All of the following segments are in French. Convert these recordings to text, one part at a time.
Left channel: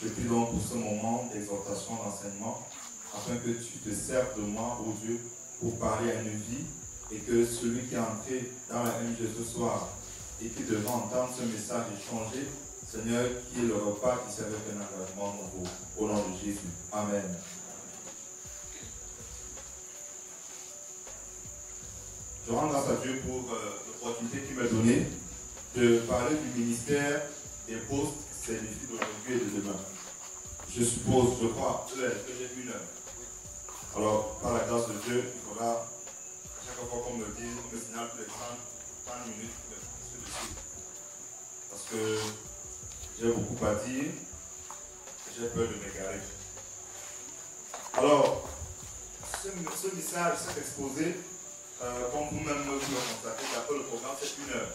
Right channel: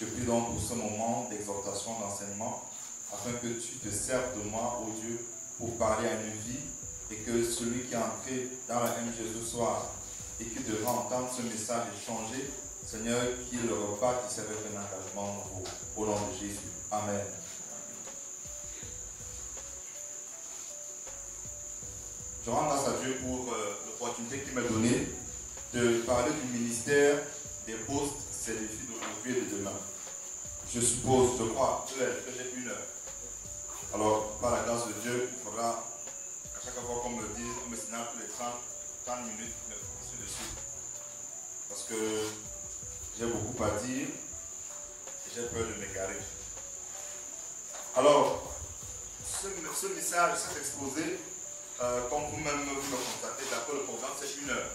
Je prie donc pour ce moment d'exhortation, d'enseignement, afin que tu te serves de moi, ô Dieu, pour parler à une vie, et que celui qui est entré dans la MJ ce soir et qui devra entendre ce message et changer, Seigneur, qu'il reparte ici avec un engagement nouveau. Au nom de Jésus. Amen. Je rends grâce à Dieu pour l'opportunité qu'il m'a donnée de parler du ministère des postes, c'est les filles d'aujourd'hui et de demain. Je suppose, je crois, que j'ai 1 heure. Alors, par la grâce de Dieu, il faudra, à chaque fois qu'on me dise, on me signale tous les 30 minutes, mais c'est dessus. Parce que j'ai beaucoup à dire et j'ai peur de m'égarer. Alors, ce message, cet exposé, comme vous-même vous le constatez, d'accord, le programme c'est 1 heure.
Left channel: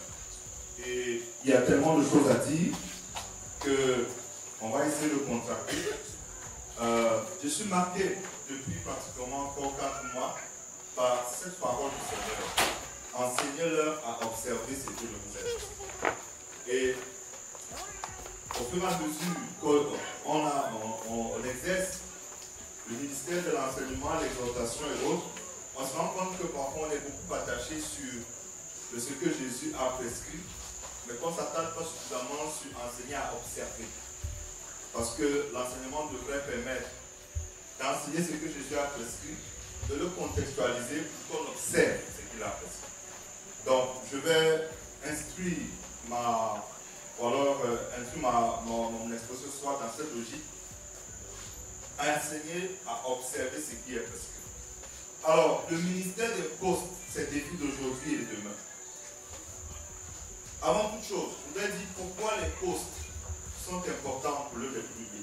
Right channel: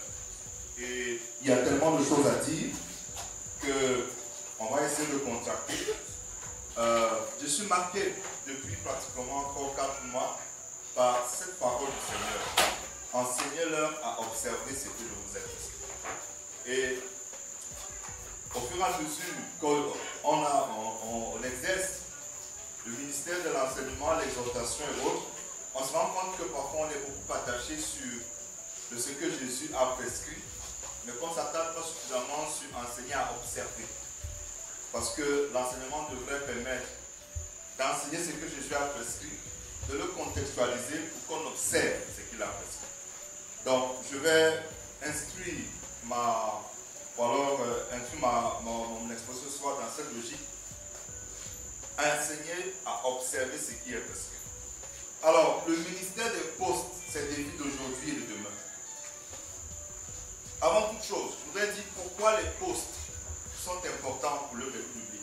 Et il y a tellement de choses à dire qu'on va essayer de contracter. Je suis marqué depuis pratiquement encore 4 mois par cette parole du Seigneur. Enseignez-leur à observer ce que je vous ai dit. Et au fur et à mesure qu'on exerce le ministère de l'enseignement, l'exhortation et autres, on se rend compte que parfois on est beaucoup attaché sur ce que Jésus a prescrit, mais qu'on ne s'attarde pas suffisamment sur enseigner à observer. Parce que l'enseignement devrait permettre d'enseigner ce que Jésus a prescrit, de le contextualiser pour qu'on observe ce qu'il a prescrit. Donc, je vais instruire mon exposition ce soir dans cette logique, enseigner à observer ce qui est prescrit. Alors, le ministère des postes, c'est des vies d'aujourd'hui et de demain. Avant toute chose, je voudrais dire pourquoi les postes sont importants pour le public.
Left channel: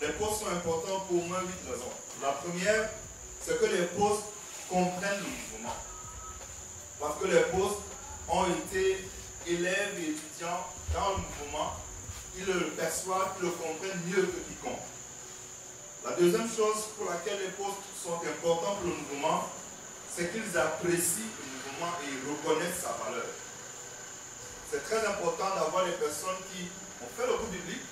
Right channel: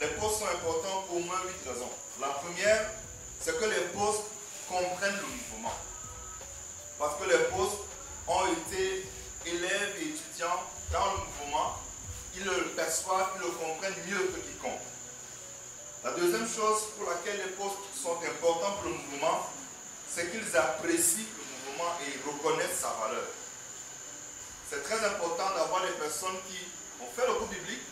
Les postes sont importants pour au moins 8 raisons. La première, c'est que les postes comprennent le mouvement. Parce que les postes ont été élèves et étudiants dans le mouvement, ils le perçoivent, ils le comprennent mieux que quiconque. La deuxième chose pour laquelle les postes sont importants pour le mouvement, c'est qu'ils apprécient le mouvement et ils reconnaissent sa valeur. C'est très important d'avoir des personnes qui ont fait le cours biblique,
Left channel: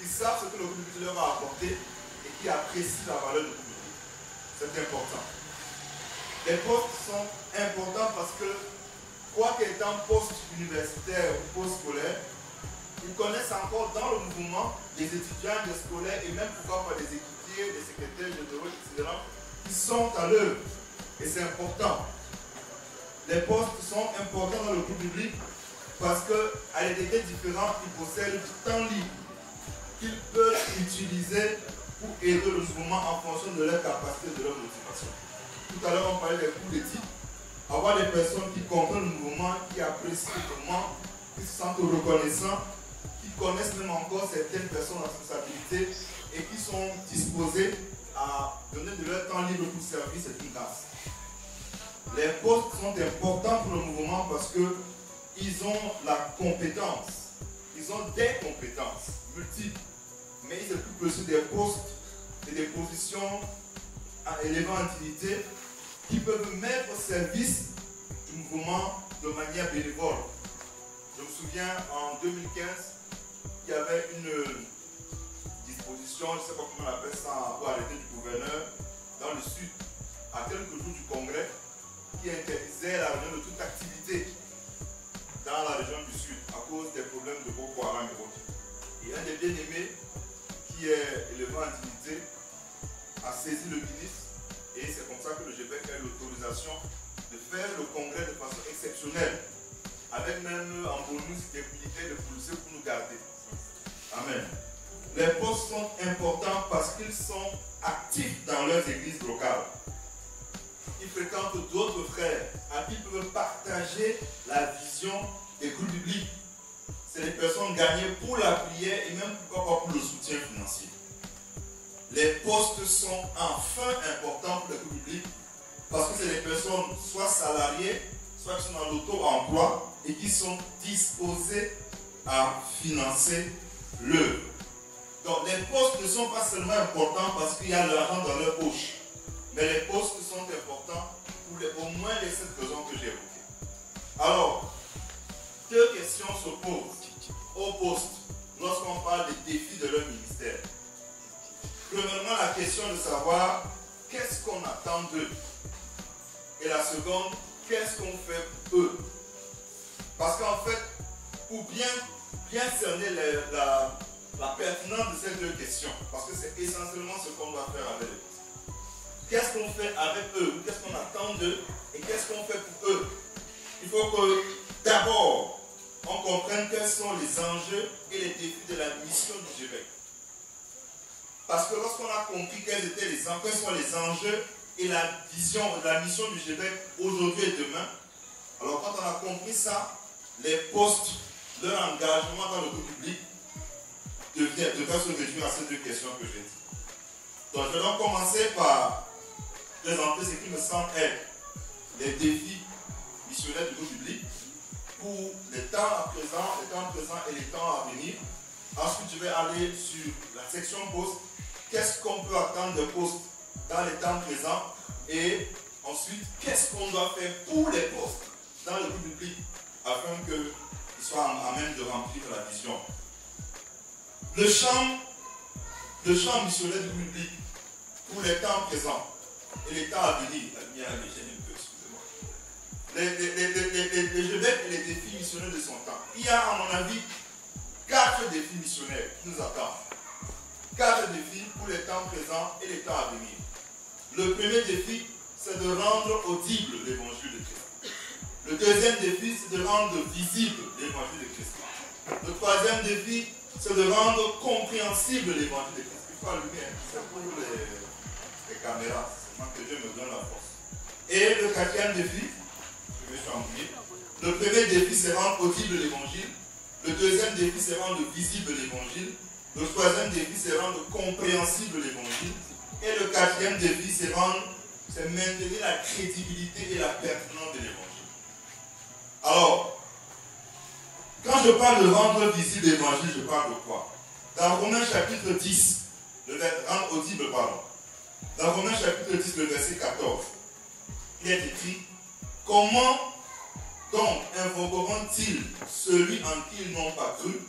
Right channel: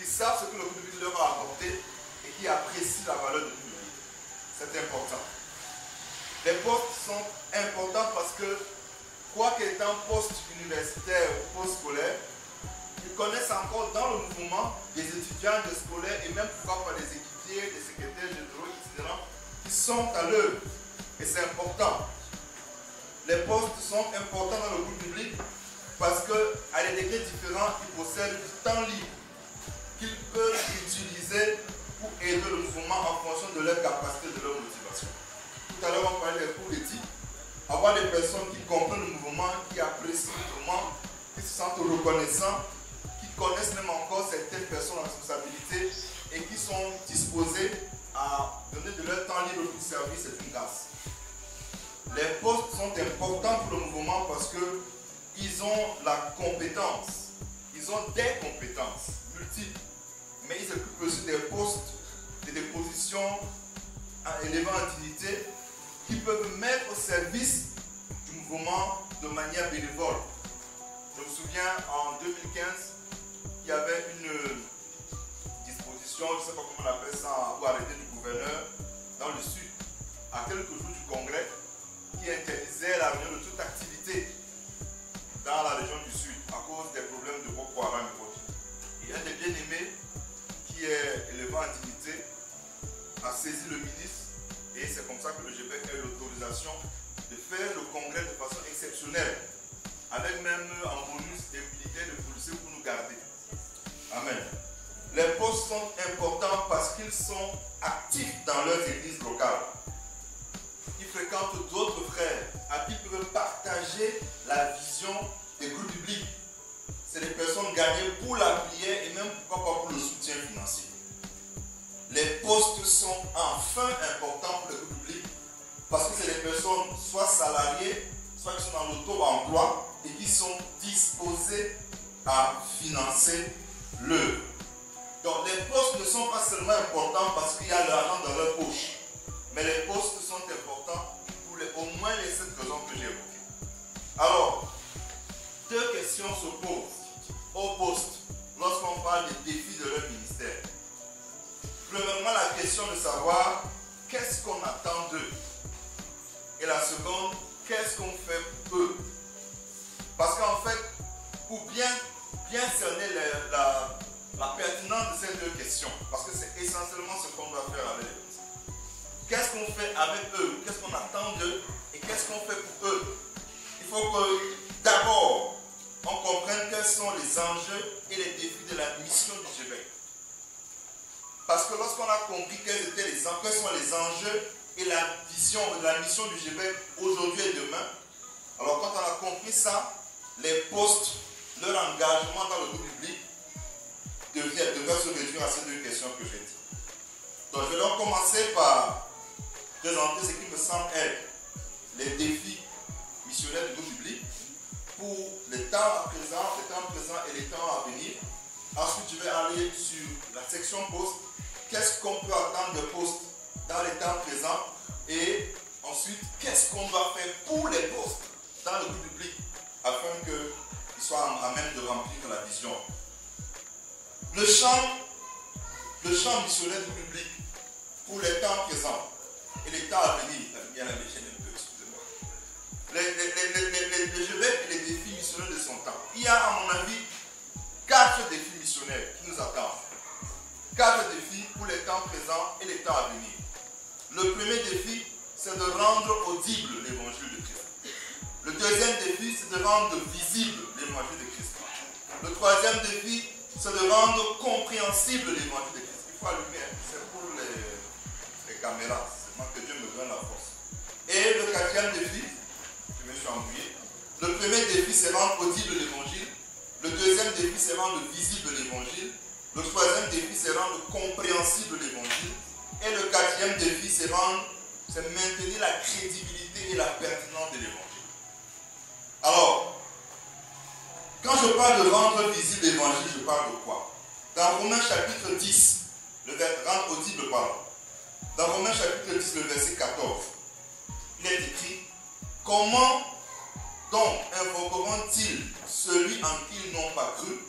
qui savent ce que le cours biblique leur a apporté et qui apprécient la valeur du cours biblique. C'est important. Les postes sont importants parce que, quoi qu'étant poste universitaire ou poste scolaire, ils connaissent encore dans le mouvement des étudiants, des scolaires et même pourquoi pas des équipiers, des secrétaires généraux, etc. qui sont à l'œuvre. Et c'est important. Les postes sont importants dans le cours biblique parce qu'à des degrés différents, ils possèdent du temps libre qu'ils peuvent utiliser pour aider le mouvement en fonction de leur capacité, de leur motivation. Tout à l'heure, on parlait des cours d'éthique. Avoir des personnes qui comprennent le mouvement, qui apprécient le mouvement, qui se sentent reconnaissants, qui connaissent même encore certaines personnes en responsabilité et qui sont disposés à donner de leur temps libre pour servir, c'est une grâce. Les postes sont importants pour le mouvement parce qu'ils ont la compétence, ils ont des compétences multiples, mais ils s'occupent aussi des postes et des positions à éléments d'utilité qui peuvent mettre au service du mouvement de manière bénévole. Je me souviens en 2015, il y avait une disposition, je ne sais pas comment on appelle ça, ou arrêté du gouverneur dans le sud, à quelques jours du congrès, qui interdisait la réunion de toute activité dans la région du sud à cause des problèmes de Boko Haram et autres. Et un des bien-aimés, qui est élément en dignité, a saisi le ministre et c'est comme ça que le GPF a eu l'autorisation de faire le congrès de façon exceptionnelle, avec avec même en bonus des militaires de policiers pour nous garder. Amen. Les postes sont importants parce qu'ils sont actifs dans leurs églises locales. Ils fréquentent d'autres frères à qui ils peuvent partager la vision des groupes bibliques. C'est des personnes gagnées pour la prière et même pourquoi pas pour le soutien financier. Les postes sont enfin importants pour les groupes bibliques parce que c'est des personnes soit salariées, soit qui sont dans l'auto-emploi et qui sont disposées à financer l'œuvre. Donc les postes ne sont pas seulement importants parce qu'il y a l'argent dans leur poche, mais les postes sont importants pour au moins les 7 raisons que j'ai évoquées. Alors, 2 questions se posent aux postes lorsqu'on parle des défis de leur ministère. Premièrement, la question de savoir qu'est-ce qu'on attend d'eux. Et la seconde, qu'est-ce qu'on fait pour eux. Parce qu'en fait, pour bien cerner la pertinence de ces 2 questions, parce que c'est essentiellement ce qu'on doit faire avec les postes. Qu'est-ce qu'on fait avec eux, qu'est-ce qu'on attend d'eux et qu'est-ce qu'on fait pour eux. Il faut que d'abord, on comprenne quels sont les enjeux et les défis de la mission du GBEC. Parce que lorsqu'on a compris quels sont les enjeux et la vision de la mission du GBEC aujourd'hui et demain, alors quand on a compris ça, les postes, leur engagement dans le groupe public devrait se réduire à ces 2 questions que j'ai dit. Donc je vais donc commencer par présenter ce qui me semble être les défis missionnaires du groupe public pour les temps présents et les temps à venir. Ensuite, je vais aller sur la section poste. Qu'est-ce qu'on peut attendre de postes dans les temps présents? Et ensuite, qu'est-ce qu'on doit faire pour les postes dans le groupe public afin qu'ils soient à même de remplir la vision. Le champ missionnaire du groupe public pour les temps présents et les temps à venir. Les GBEC et les défis missionnaires de son temps. Il y a, à mon avis, 4 défis missionnaires qui nous attendent. 4 défis pour les temps présents et les temps à venir. Le premier défi, c'est de rendre audible l'évangile de Christ. Le deuxième défi, c'est de rendre visible l'évangile de Christ. Le troisième défi, c'est de rendre compréhensible l'évangile de Christ. Il faut allumer, c'est pour les caméras. C'est moi que Dieu me donne la force. Et le quatrième défi, je me suis ennuyé. Le premier défi, c'est rendre audible l'évangile. Le deuxième défi, c'est rendre visible l'évangile. Le troisième défi, c'est rendre compréhensible l'évangile. Et le quatrième défi, c'est maintenir la crédibilité et la pertinence de l'évangile. Alors, quand je parle de rendre visible l'évangile, je parle de quoi? Dans Romains chapitre 10, rendre audible, pardon. Dans Romains chapitre 10, le verset 14, il est écrit: comment donc invoqueront-ils celui en qui ils n'ont pas cru?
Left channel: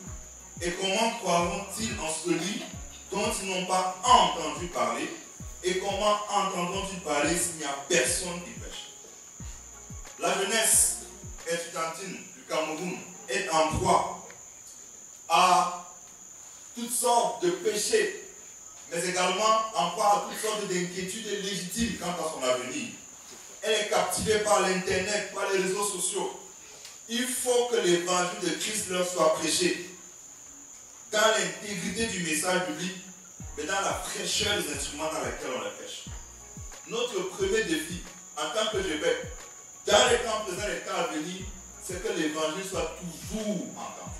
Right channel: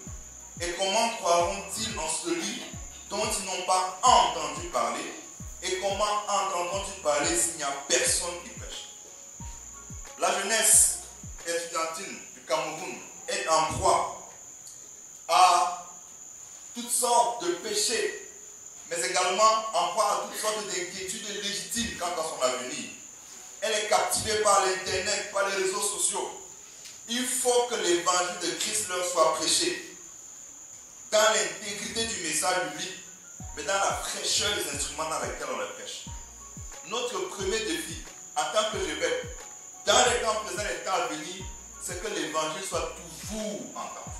Et comment croiront-ils en celui dont ils n'ont pas entendu parler? Et comment entendront-ils parler s'il n'y a personne qui prêche? La jeunesse estudiantine du Cameroun est en proie à toutes sortes de péchés, mais également en proie à toutes sortes d'inquiétudes légitimes quant à son avenir. Elle est captivée par l'internet, par les réseaux sociaux. Il faut que l'évangile de Christ leur soit prêché dans l'intégrité du message biblique, mais dans la fraîcheur des instruments dans lesquels on les prêche. Notre premier défi, en tant que GBEC, dans les temps présents et les temps à venir, c'est que l'évangile soit toujours entendu.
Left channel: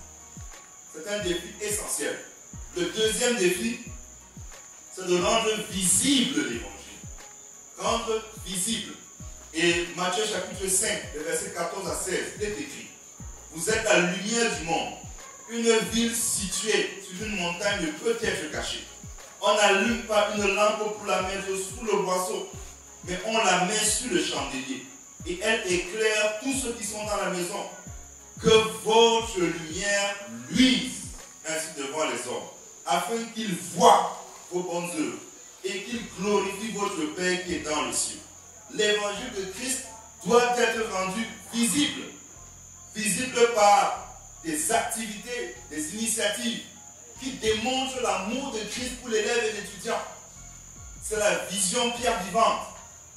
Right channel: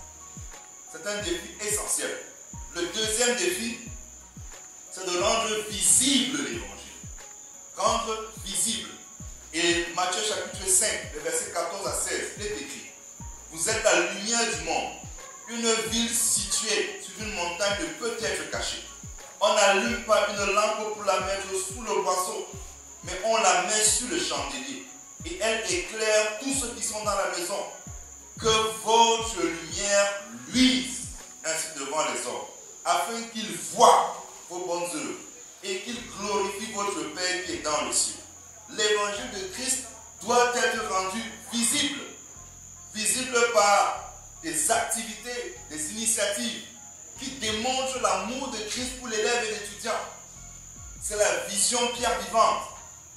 C'est un défi essentiel. Le deuxième défi, c'est de rendre visible l'évangile. Rendre visible. Et Matthieu chapitre 5, le verset 14 à 16, il est écrit: vous êtes la lumière du monde. Une ville située sur une montagne ne peut être cachée. On n'allume pas une lampe pour la mettre sous le boisseau, mais on la met sur le chandelier. Et elle éclaire tous ceux qui sont dans la maison. Que votre lumière luise ainsi devant les hommes, afin qu'ils voient vos bonnes œuvres et qu'ils glorifient votre Père qui est dans le ciel. L'évangile de Christ doit être rendu visible. Visible par des activités, des initiatives qui démontrent l'amour de Christ pour l'élève et l'étudiant. C'est la vision pierre vivante.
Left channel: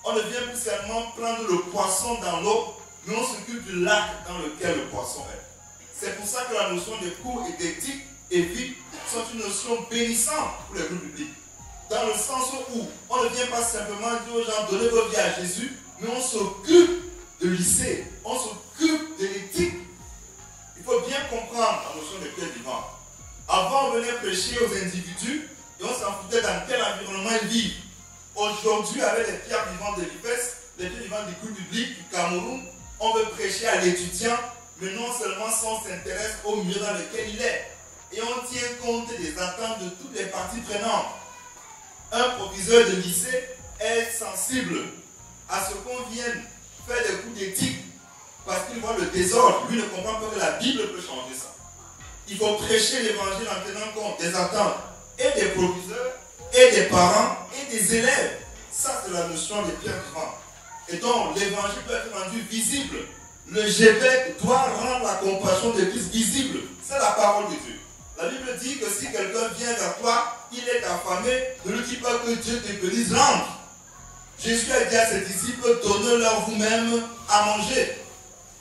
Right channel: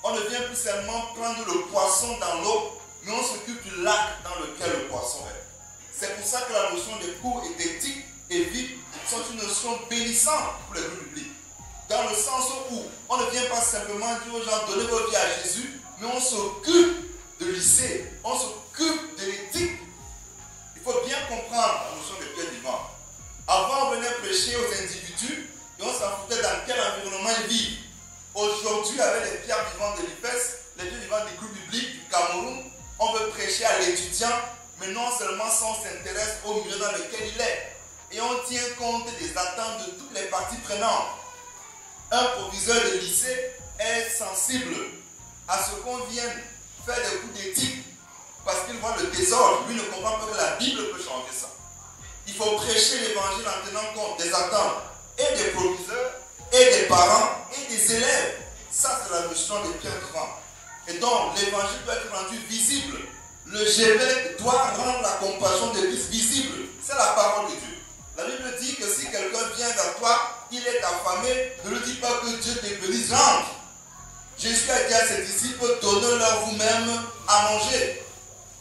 On ne vient plus seulement prendre le poisson dans l'eau, mais on s'occupe du lac dans lequel le poisson est. C'est pour ça que la notion d'écoute et d'éthique et vie sont une notion bénissante pour les groupes bibliques. Dans le sens où on ne vient pas simplement dire aux gens donnez votre vie à Jésus, mais on s'occupe de lycée, on s'occupe de l'éthique. Il faut bien comprendre la notion de Pierre vivant. Avant, on venait prêcher aux individus et on s'en foutait dans quel environnement ils vivent. Aujourd'hui, avec les pierres vivantes de l'IPES, les pierres vivantes du groupe biblique du Cameroun, on veut prêcher à l'étudiant, mais non seulement ça, on s'intéresse au milieu dans lequel il est. Et on tient compte des attentes de toutes les parties prenantes. Un proviseur de lycée est sensible à ce qu'on vienne faire des coups d'éthique parce qu'il voit le désordre. Lui ne comprend pas que la Bible peut changer ça. Il faut prêcher l'évangile en tenant compte des attentes et des proviseurs, et des parents, et des élèves. Ça, c'est la notion des pierres vivantes. Et donc, l'évangile peut être rendu visible. Le Gévêque doit rendre la compassion de Christ visible. C'est la parole de Dieu. La Bible dit que si quelqu'un vient vers toi, il est affamé, ne lui dis pas que Dieu te bénisse, rentre. Jésus a dit à ses disciples, donnez-leur vous-même à manger.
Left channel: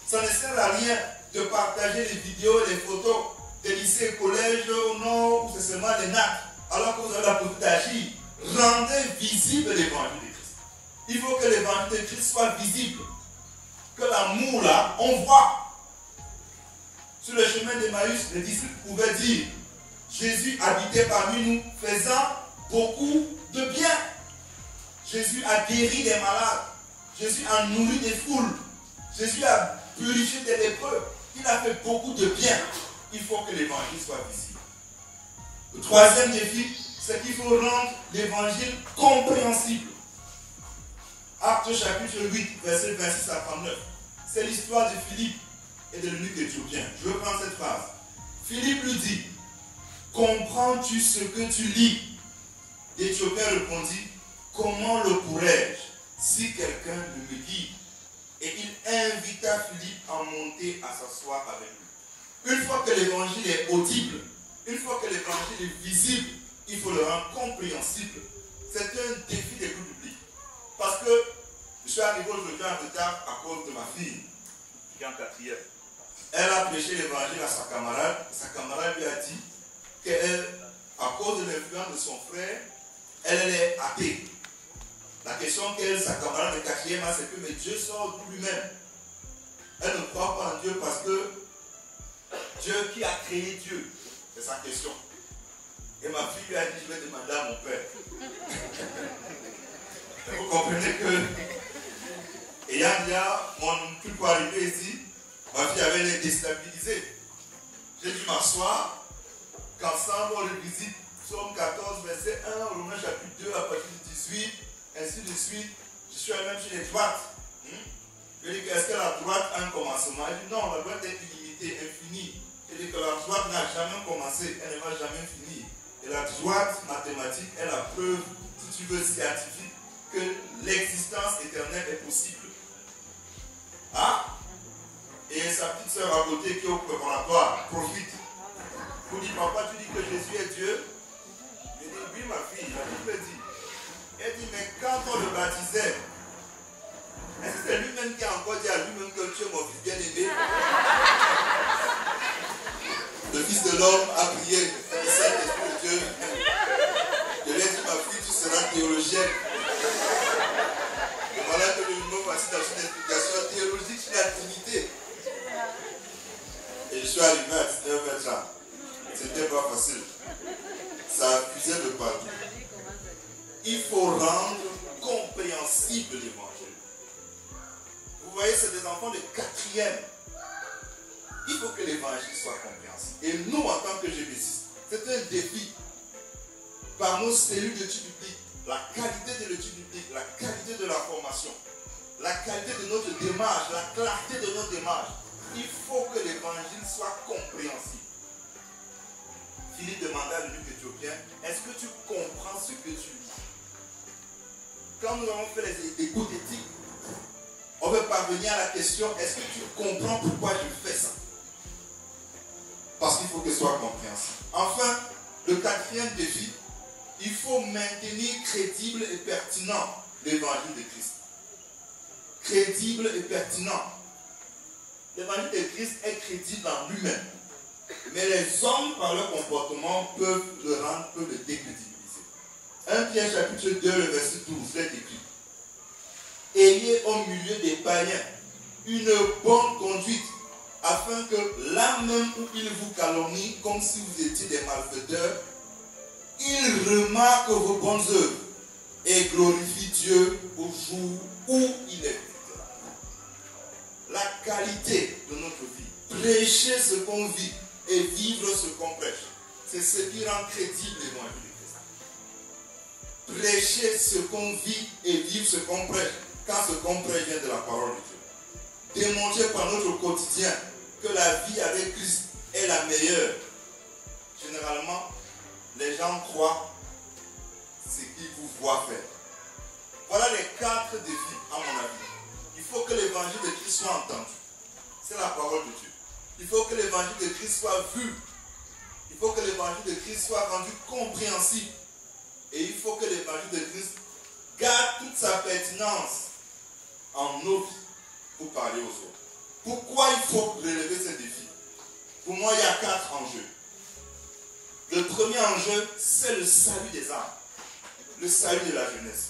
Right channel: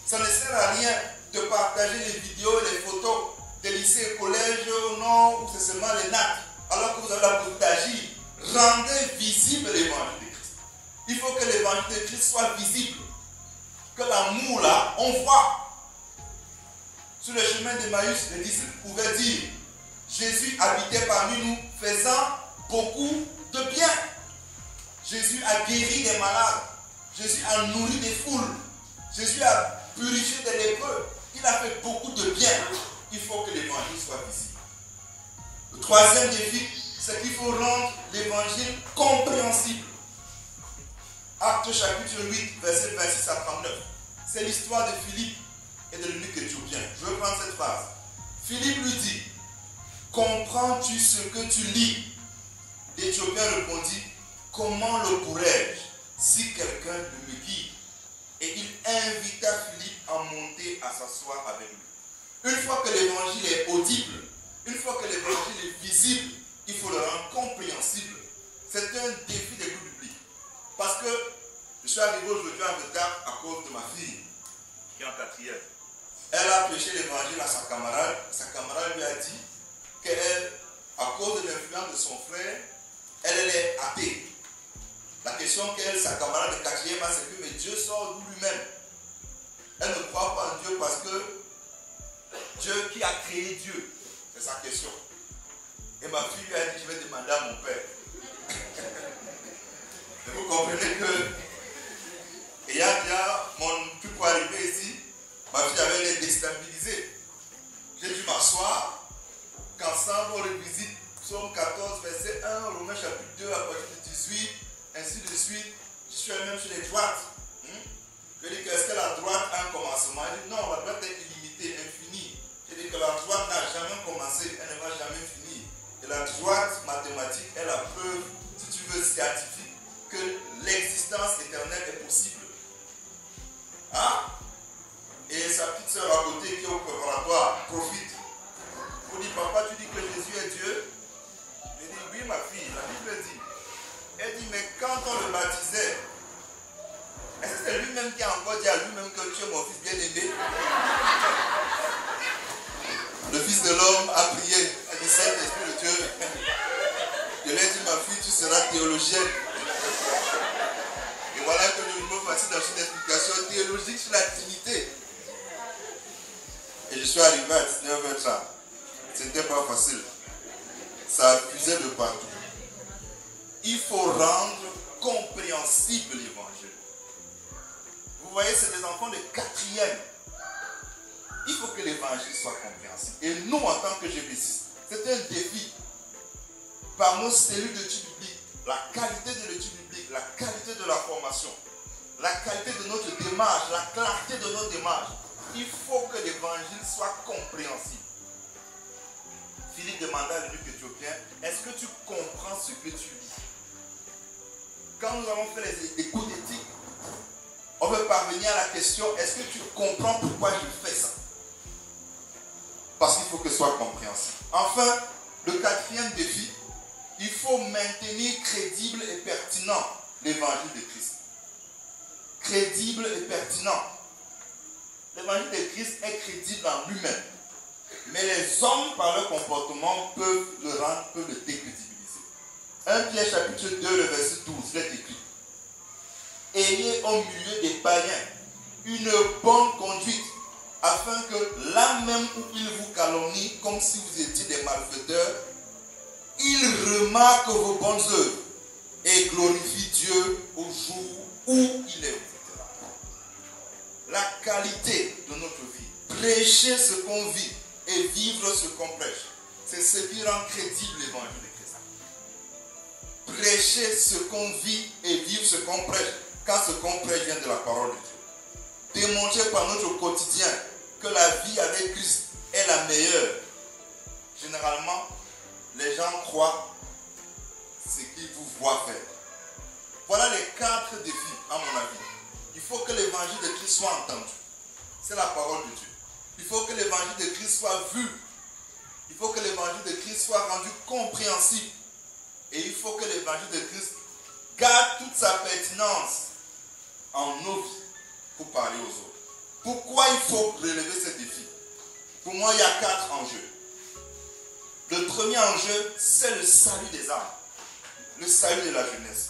Ça ne sert à rien de partager les vidéos et les photos des lycées et collèges au nord où c'est seulement les nattes, alors que vous avez la possibilité d'agir. Rendez visible l'évangile de Christ. Il faut que l'évangile de Christ soit visible. Que l'amour là, on voit. Sur le chemin d'Emmaüs, les disciples pouvaient dire Jésus habitait parmi nous, faisant beaucoup de bien. Jésus a guéri des malades. Jésus a nourri des foules. Jésus a purifié des lépreux. Il a fait beaucoup de bien. Il faut que l'évangile soit visible. Le troisième défi, c'est qu'il faut rendre l'évangile compréhensible. Acte chapitre 8, verset 26 à 39. C'est l'histoire de Philippe et de l'eunuque éthiopien. Je veux prendre cette phrase. Philippe lui dit, comprends-tu ce que tu lis? L'Éthiopien répondit, comment le pourrais-je si quelqu'un me guide? Et il invita Philippe à monter à s'asseoir avec lui. Une fois que l'évangile est audible, une fois que l'évangile est visible, il faut le rendre compréhensible. C'est un défi des groupes bibliques. Parce que je suis arrivé aujourd'hui en retard à cause de ma fille, qui est en quatrième. Elle a prêché l'évangile à sa camarade. Sa camarade lui a dit qu'elle, à cause de l'influence de son frère, elle est athée. La question qu'elle, sa camarade de quatrième, a, c'est que mais Dieu sort d'où lui-même? Elle ne croit pas en Dieu parce que Dieu qui a créé Dieu, c'est sa question. Et ma fille lui a dit, je vais demander à mon père. Et vous comprenez que, ayant déjà mon truc pour arriver ici, ma fille avait l'air déstabilisée. J'ai dû m'asseoir, qu'ensemble on revisite Psaume 14, verset 1, Romains chapitre 2, à partir du 18, ainsi de suite. Je suis même sur les droites. Je dis, est-ce que la droite a un commencement? Elle dit, non, la droite est illimitée, infinie. Je dis que la droite n'a jamais commencé, elle ne va jamais finir. Et la droite mathématique est la preuve, si tu veux, scientifique, que l'existence éternelle est possible. Hein? Et sa petite soeur à côté qui est au préparatoire profite. Vous dites, papa, tu dis que Jésus est Dieu? Je dis, oui, ma fille, la Bible dit. Elle dit, mais quand on le baptisait, est-ce que c'est lui-même qui a encore dit à lui-même que tu es mon fils bien-aimé? Le Fils de l'homme a prié, et le Saint-Esprit de Dieu. Je lui ai dit, ma fille, tu seras théologienne. Et voilà que nous me passons dans une explication théologique sur la Trinité. Et je suis arrivé à 19h30. C'était pas facile. Ça accusait de partout. Il faut rendre compréhensible l'évangile. Vous voyez, c'est des enfants de quatrième. Il faut que l'évangile soit compréhensible. Et nous, en tant que GBC, c'est un défi. Par nos cellules d'études bibliques, la qualité de l'étude biblique, la qualité de la formation, la qualité de notre démarche, la clarté de notre démarche, il faut que l'évangile soit compréhensible. Philippe demanda à l'eunuque éthiopien, est-ce que tu comprends ce que tu lis? Quand nous avons fait les cours d'éthique, on veut parvenir à la question, est-ce que tu comprends pourquoi je fais ça? Parce qu'il faut que ce soit compréhensible. Enfin, le quatrième défi, il faut maintenir crédible et pertinent l'évangile de Christ. Crédible et pertinent. l'évangile de Christ est crédible en lui-même. Mais les hommes, par leur comportement, peuvent le décrédibiliser. 1 Pierre chapitre 2, le verset 12, il est écrit: ayez au milieu des païens une bonne conduite, afin que là même où ils vous calomnient, comme si vous étiez des malfaiteurs, ils remarquent vos bonnes œuvres et glorifient Dieu au jour où il est visitera. La qualité de notre vie, prêcher ce qu'on vit et vivre ce qu'on prêche, c'est ce qui rend crédible l'évangile de Christ. Prêcher ce qu'on vit et vivre ce qu'on prêche, quand ce qu'on prêche vient de la parole de Dieu. Démontrer par notre quotidien que la vie avec Christ est la meilleure. Généralement, les gens croient ce qu'ils vous voient faire. Voilà les 4 défis, à mon avis. Il faut que l'évangile de Christ soit entendu. C'est la parole de Dieu. Il faut que l'évangile de Christ soit vu. Il faut que l'évangile de Christ soit rendu compréhensible. Et il faut que l'évangile de Christ garde toute sa pertinence en nos vies pour parler aux autres. Pourquoi il faut relever ces défis? Pour moi, il y a 4 enjeux. Le premier enjeu, c'est le salut des âmes. Le salut de la jeunesse.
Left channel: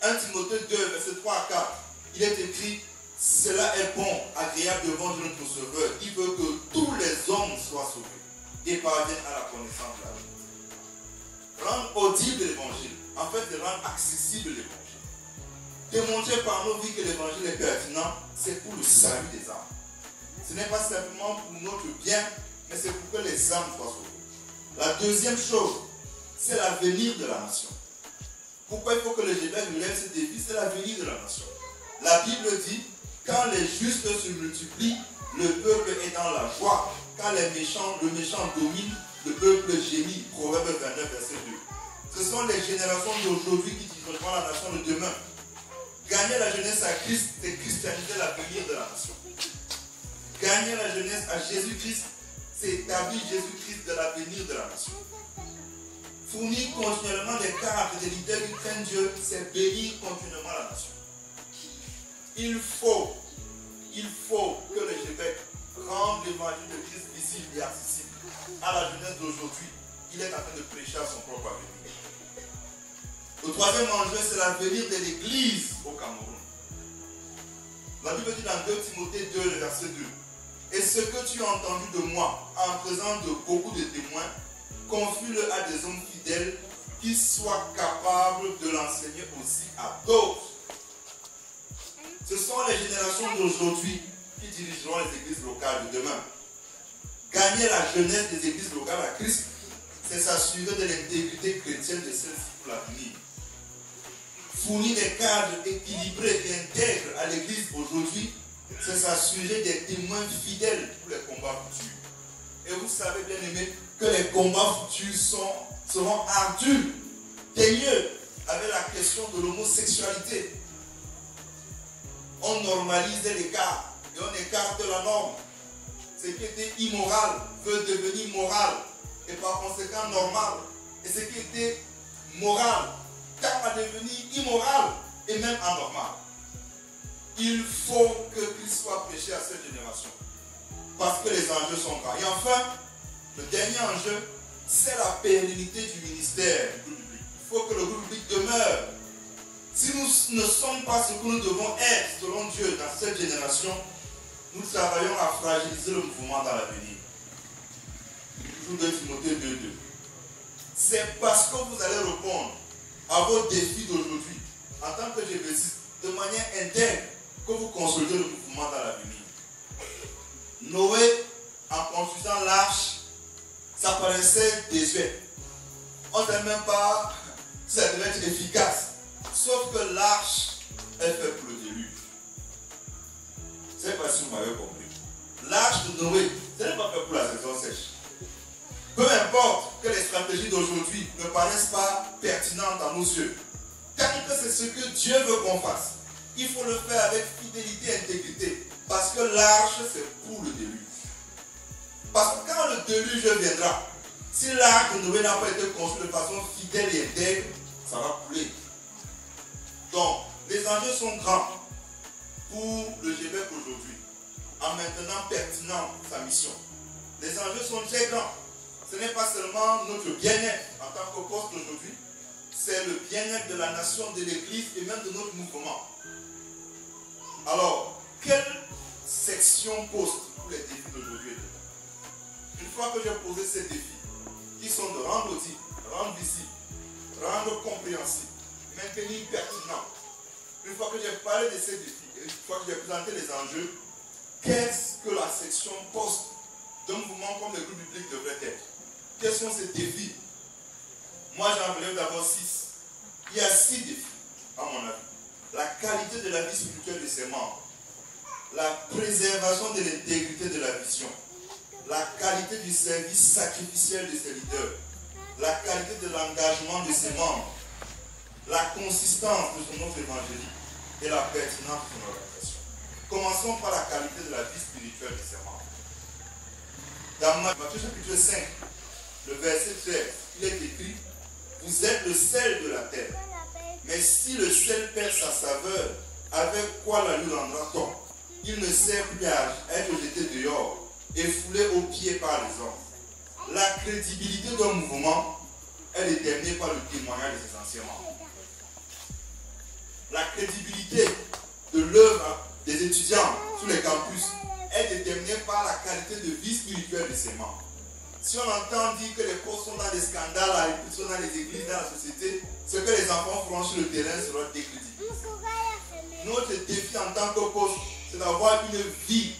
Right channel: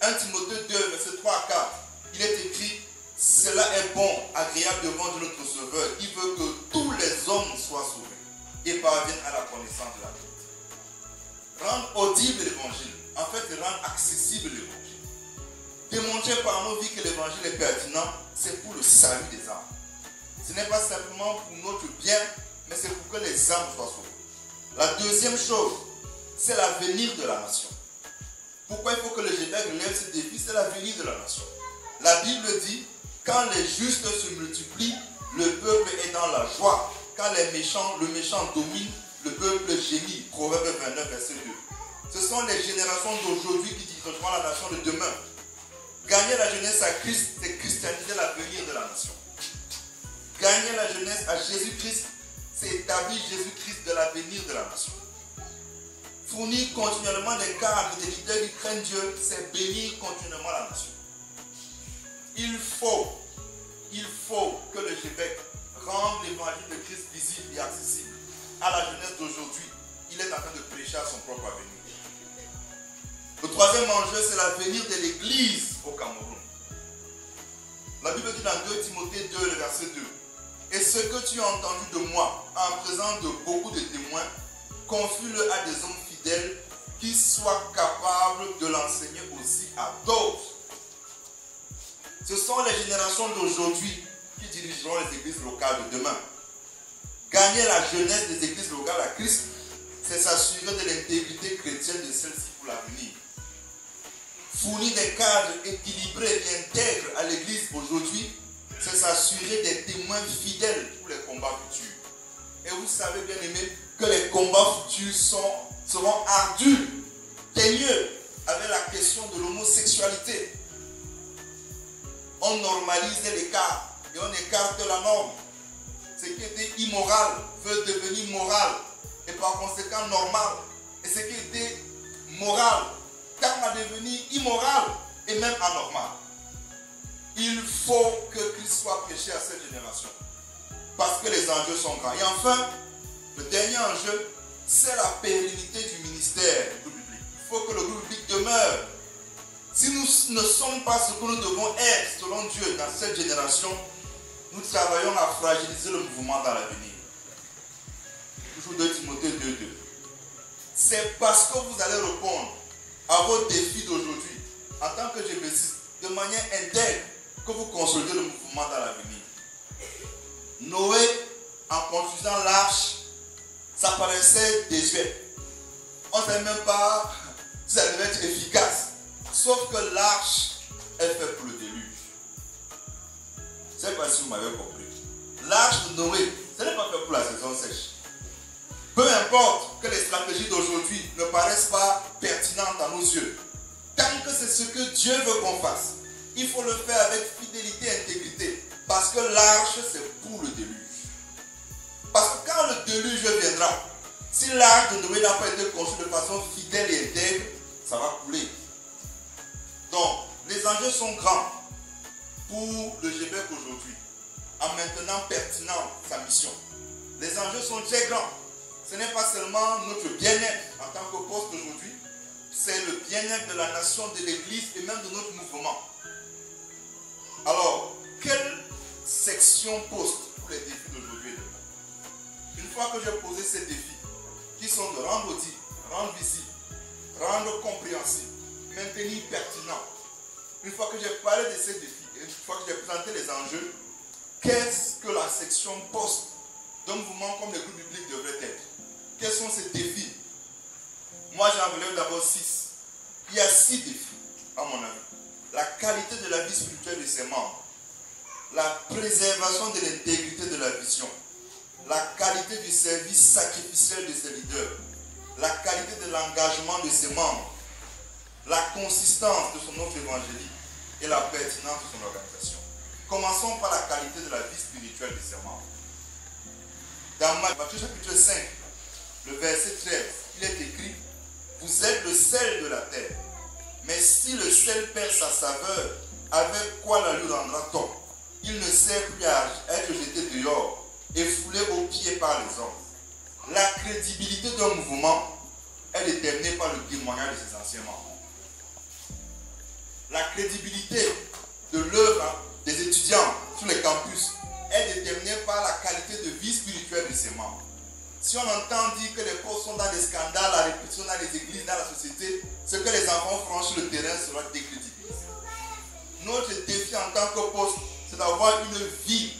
1 Timothée 2, verset 3 à 4. Il est écrit: cela est bon, agréable devant notre Sauveur. Il veut que tous les hommes soient sauvés et parviennent à la connaissance de la vérité. Rendre audible l'évangile, en fait, de rendre accessible l'évangile. Démontrer par nos vies que l'évangile est pertinent, c'est pour le salut des âmes. Ce n'est pas simplement pour notre bien, mais c'est pour que les âmes soient sauvées. La deuxième chose, c'est l'avenir de la nation. Pourquoi il faut que le Gévêque relève ce défi? C'est l'avenir de la nation. La Bible dit: quand les justes se multiplient, le peuple est dans la joie. Quand le méchant domine, le peuple gémit. Proverbe 29, verset 2. Ce sont les générations d'aujourd'hui qui dirigeront la nation de demain. Gagner la jeunesse à Christ, c'est christianiser l'avenir de la nation. Gagner la jeunesse à Jésus-Christ, c'est établir Jésus-Christ de l'avenir de la nation. Fournir continuellement des cadres et des leaders qui craignent Dieu, c'est bénir continuellement la nation. Il faut que le Gévêque rende l'évangile de Christ visible et accessible à la jeunesse d'aujourd'hui. Il est en train de prêcher à son propre avenir. Le troisième enjeu, c'est l'avenir de l'Église au Cameroun. La Bible dit dans 2 Timothée 2, le verset 2: et ce que tu as entendu de moi, en présence de beaucoup de témoins, confie-le à des hommes fidèles qui soient capables de l'enseigner aussi à d'autres. Ce sont les générations d'aujourd'hui qui dirigeront les églises locales de demain. Gagner la jeunesse des églises locales à Christ, c'est s'assurer de l'intégrité chrétienne de celles-ci pour l'avenir. Fournir des cadres équilibrés et intègres à l'église aujourd'hui, c'est s'assurer des témoins fidèles pour les combats futurs. Et vous savez, bien aimés, que les combats futurs seront ardus, teigneux, avec la question de l'homosexualité. On normalise l'écart et on écarte la norme. Ce qui était immoral veut devenir moral et par conséquent normal. Et ce qui était moral tend à devenir immoral et même anormal. Il faut que Christ soit prêché à cette génération parce que les enjeux sont grands. Et enfin, le dernier enjeu, c'est la pérennité du ministère du groupe biblique. Il faut que le groupe biblique demeure. Si nous ne sommes pas ce que nous devons être selon Dieu dans cette génération, nous travaillons à fragiliser le mouvement dans l'avenir. Toujours 2 Timothée 2.2. C'est parce que vous allez répondre à vos défis d'aujourd'hui, en tant que GP6, de manière intègre, que vous consolidez le mouvement dans l'avenir. Noé, en construisant l'arche, ça paraissait désuet. On ne sait même pas si ça devait être efficace. Sauf que l'arche est faite pour le déluge. Je ne sais pas si vous m'avez compris. L'arche de Noé, ce n'est pas fait pour la saison sèche. Peu importe que les stratégies d'aujourd'hui ne paraissent pas pertinentes à nos yeux. Tant que c'est ce que Dieu veut qu'on fasse, il faut le faire avec fidélité et intégrité. Parce que l'arche, c'est pour le déluge. Parce que quand le déluge viendra, si l'arche de Noé n'a pas été construit de façon fidèle et intègre, ça va couler. Donc, les enjeux sont grands pour le Gévêque aujourd'hui. en maintenant pertinent sa mission. Les enjeux sont très grands. Ce n'est pas seulement notre bien-être en tant que poste d'aujourd'hui, c'est le bien-être de la nation, de l'Église et même de notre mouvement. Alors, quelle section poste pour les défis d'aujourd'hui? Une fois que j'ai posé ces défis, qui sont de rendre audible, rendre visible, rendre compréhensible, maintenir pertinent, une fois que j'ai parlé de ces défis, une fois que j'ai présenté les enjeux, qu'est-ce que la section poste d'un mouvement comme le groupe biblique devrait être? Quels sont ces défis? Moi, j'en relève d'abord 6. Il y a 6 défis, à mon avis. La qualité de la vie spirituelle de ses membres, la préservation de l'intégrité de la vision, la qualité du service sacrificiel de ses leaders, la qualité de l'engagement de ses membres, la consistance de son offre évangélique et la pertinence de son organisation. Commençons par la qualité de la vie spirituelle de ses membres. Dans Matthieu chapitre 5, le verset 13, il est écrit: vous êtes le sel de la terre. Mais si le sel perd sa saveur, avec quoi la lui rendra-t-on? Il ne sert plus à être jeté dehors et foulé aux pieds par les hommes. La crédibilité d'un mouvement est déterminée par le témoignage de ses anciens membres. La crédibilité de l'œuvre des étudiants sur les campus est déterminée par la qualité de vie spirituelle de ses membres. Si on entend dire que les postes sont dans des scandales à répétition dans les églises, dans la société, ce que les enfants feront sur le terrain sera décrédibilisé. Notre défi en tant que poste, c'est d'avoir une vie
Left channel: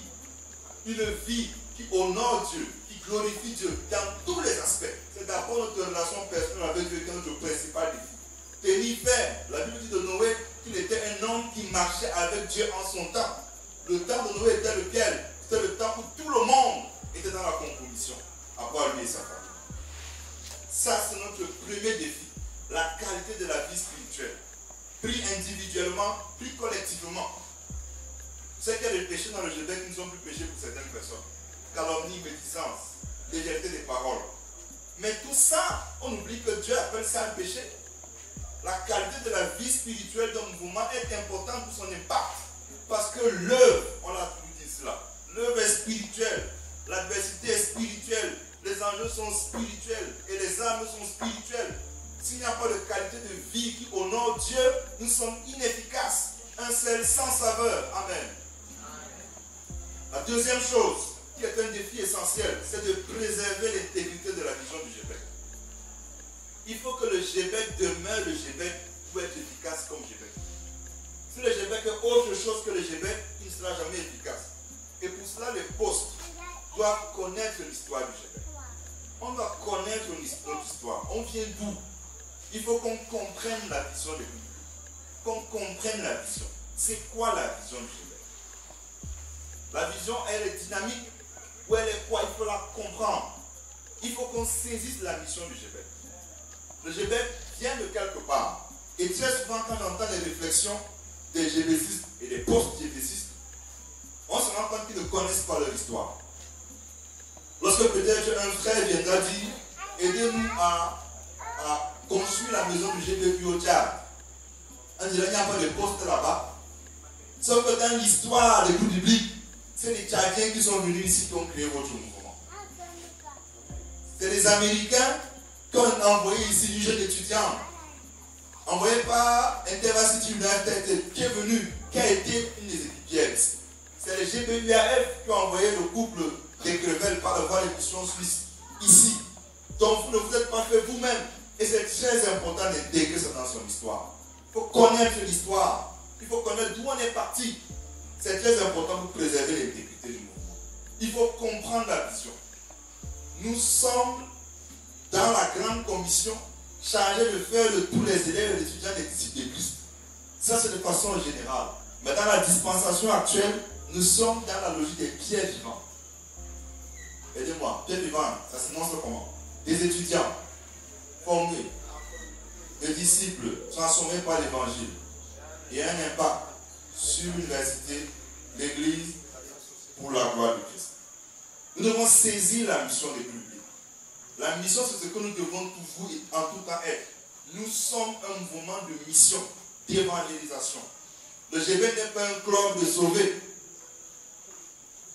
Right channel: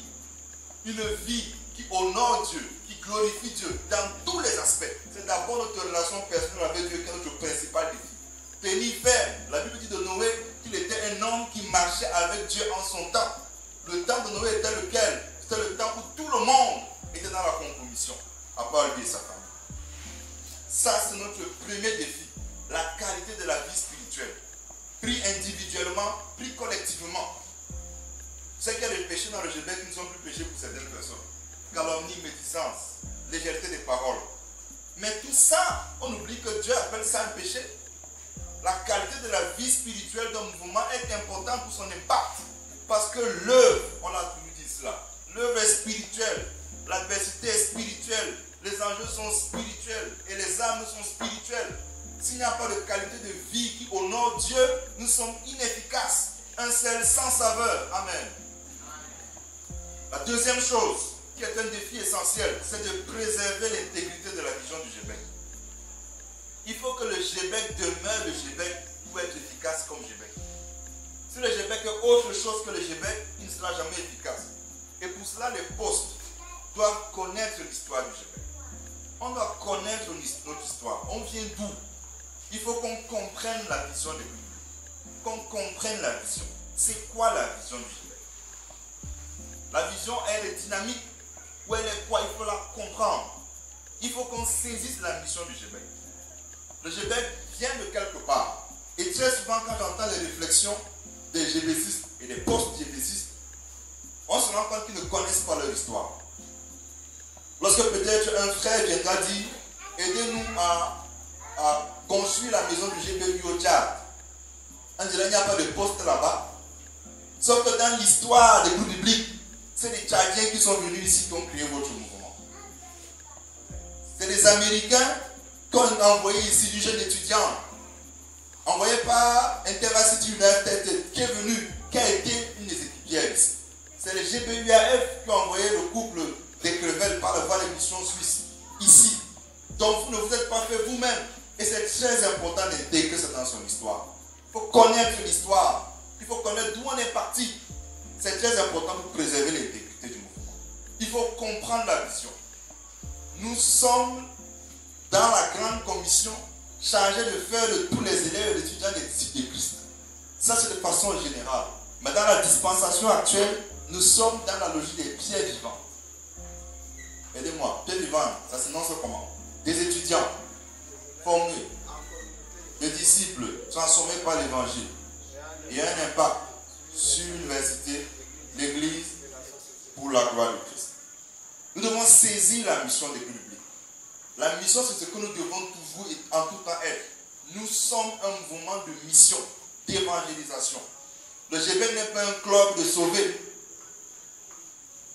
qui honore Dieu, qui glorifie Dieu dans tous les aspects. C'est d'abord notre relation personnelle avec Dieu qui est notre principal défi. Tenir ferme. La Bible dit de Noé qu'il était un homme qui marchait avec Dieu en son temps. Le temps de Noé était lequel? C'était le temps où tout le monde était dans la compromission, à part lui et sa famille. Ça, c'est notre premier défi. La qualité de la vie spirituelle. Pris individuellement, pris collectivement. Ce qu'il y a des péchés dans le Québec qui ne sont plus péchés pour certaines personnes. Calomnie, médisance, légèreté des paroles. Mais tout ça, on oublie que Dieu appelle ça un péché. La qualité de la vie spirituelle d'un mouvement est importante pour son impact. Parce que l'œuvre, on l'a toujours dit cela, l'œuvre est spirituelle, l'adversité est spirituelle, les enjeux sont spirituels et les âmes sont spirituelles. S'il n'y a pas de qualité de vie qui honore Dieu, nous sommes inefficaces. Un sel sans saveur. Amen. La deuxième chose, qui est un défi essentiel, c'est de préserver l'intégrité de la vision du GBEC. Il faut que le GBEC demeure le GBEC pour être efficace comme GBEC. Si le GBEC est autre chose que le GBEC, il ne sera jamais efficace. Et pour cela, les postes doivent connaître l'histoire du GBEC. On doit connaître notre histoire. On vient d'où? Il faut qu'on comprenne la vision de Dieu. Qu'on comprenne la vision. C'est quoi la vision du GBEC? La vision, elle est dynamique. Où elle est quoi? Il faut la comprendre. Il faut qu'on saisisse la mission du GBEC. Le GBEC vient de quelque part. Et très souvent, quand j'entends les réflexions des GBCistes et des post-GBCistes, on se rend compte qu'ils ne connaissent pas leur histoire. Lorsque peut-être un frère viendra dire: aidez-nous à construire la maison du GBEC au Tchad. On dirait qu'il n'y a pas de poste là-bas. Sauf que dans l'histoire des groupes bibliques, c'est les Tchadiens qui sont venus ici pour créer votre mouvement. C'est les Américains qu'on a envoyés ici, du jeune étudiant, envoyé par Intervarsity United, qui est venu, qui a été une des équipières. C'est les GBUAF qui ont envoyé le couple des Crevel par la voie de mission suisse ici. Donc vous ne vous êtes pas fait vous-même. Et c'est très important d'intégrer ça dans son histoire. Il faut connaître l'histoire. Il faut connaître d'où on est parti. C'est très important pour préserver l'intégrité du mouvement. Il faut comprendre la vision. Nous sommes dans la grande commission chargée de faire de tous les élèves et les étudiants des disciples de Christ. Ça, c'est de façon générale. Mais dans la dispensation actuelle, nous sommes dans la logique des pierres vivantes. Aidez-moi, pierres vivantes, ça s'énonce comment? Des étudiants formés, des disciples transformés par l'évangile et un impact sur l'université, l'église, pour la gloire de Christ. Nous devons saisir la mission des publics. La mission, c'est ce que nous devons toujours et en tout temps être. Nous sommes un mouvement de mission, d'évangélisation. Le GBEC n'est pas un club de sauvés.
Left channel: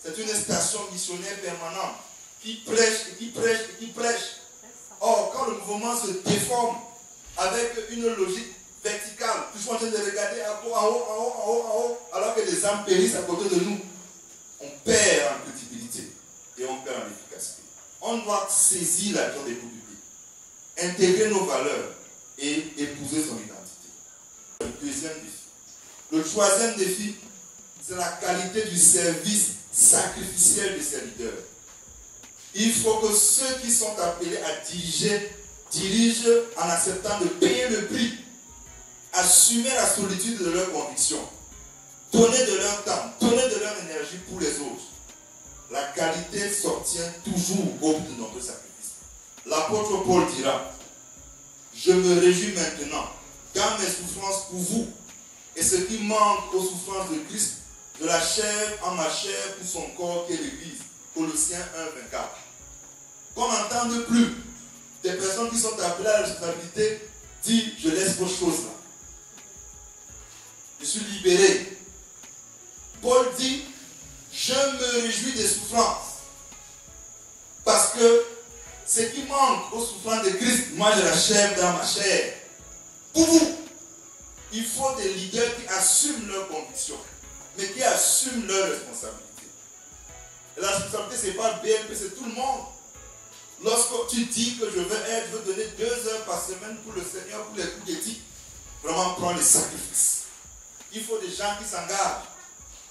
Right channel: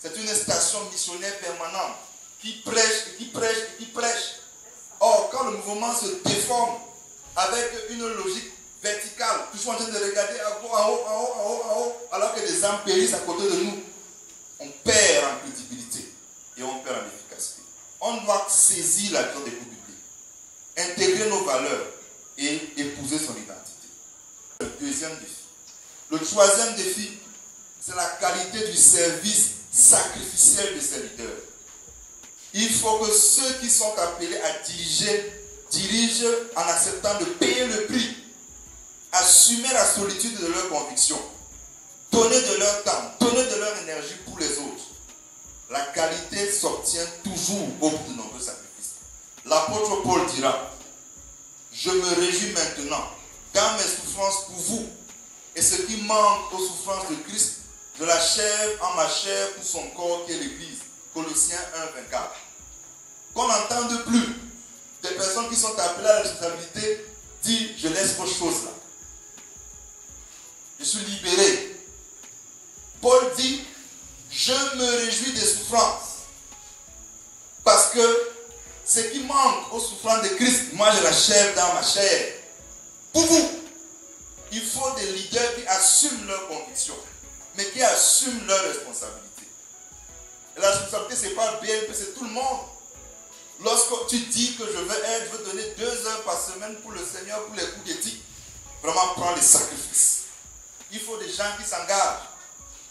C'est une station missionnaire permanente qui prêche et qui prêche et qui prêche. Or, quand le mouvement se déforme avec une logique verticale, puis on est en train de regarder en haut, en haut, en haut, en haut, en haut, alors que les âmes périssent à côté de nous, on perd en crédibilité et on perd en efficacité. On doit saisir la vision des groupes bibliques, intégrer nos valeurs et épouser son identité. Le deuxième défi. Le troisième défi, c'est la qualité du service sacrificiel de ces leaders. Il faut que ceux qui sont appelés à diriger, dirigent en acceptant de payer le prix, assumer la solitude de leurs convictions, donner de leur temps, donner de leur énergie pour les autres. La qualité s'obtient toujours au bout de nombreux sacrifices. L'apôtre Paul dira, je me réjouis maintenant dans mes souffrances pour vous, et ce qui manque aux souffrances de Christ, de la chair en ma chair pour son corps qui est l'Église. Colossiens 1, 24. Qu'on n'entende plus des personnes qui sont appelées à la responsabilité dire je laisse vos choses là. Je suis libéré. Paul dit je me réjouis des souffrances. Parce que ce qui manque aux souffrances de Christ, moi je l'achève dans ma chair. Pour vous, il faut des leaders qui assument leurs convictions, mais qui assument leurs responsabilités. Et la responsabilité, ce n'est pas BLP, c'est tout le monde. Lorsque tu dis que je veux donner 2 heures par semaine pour le Seigneur, pour les coups d'éthique, vraiment prends les sacrifices. Il faut des gens qui s'engagent.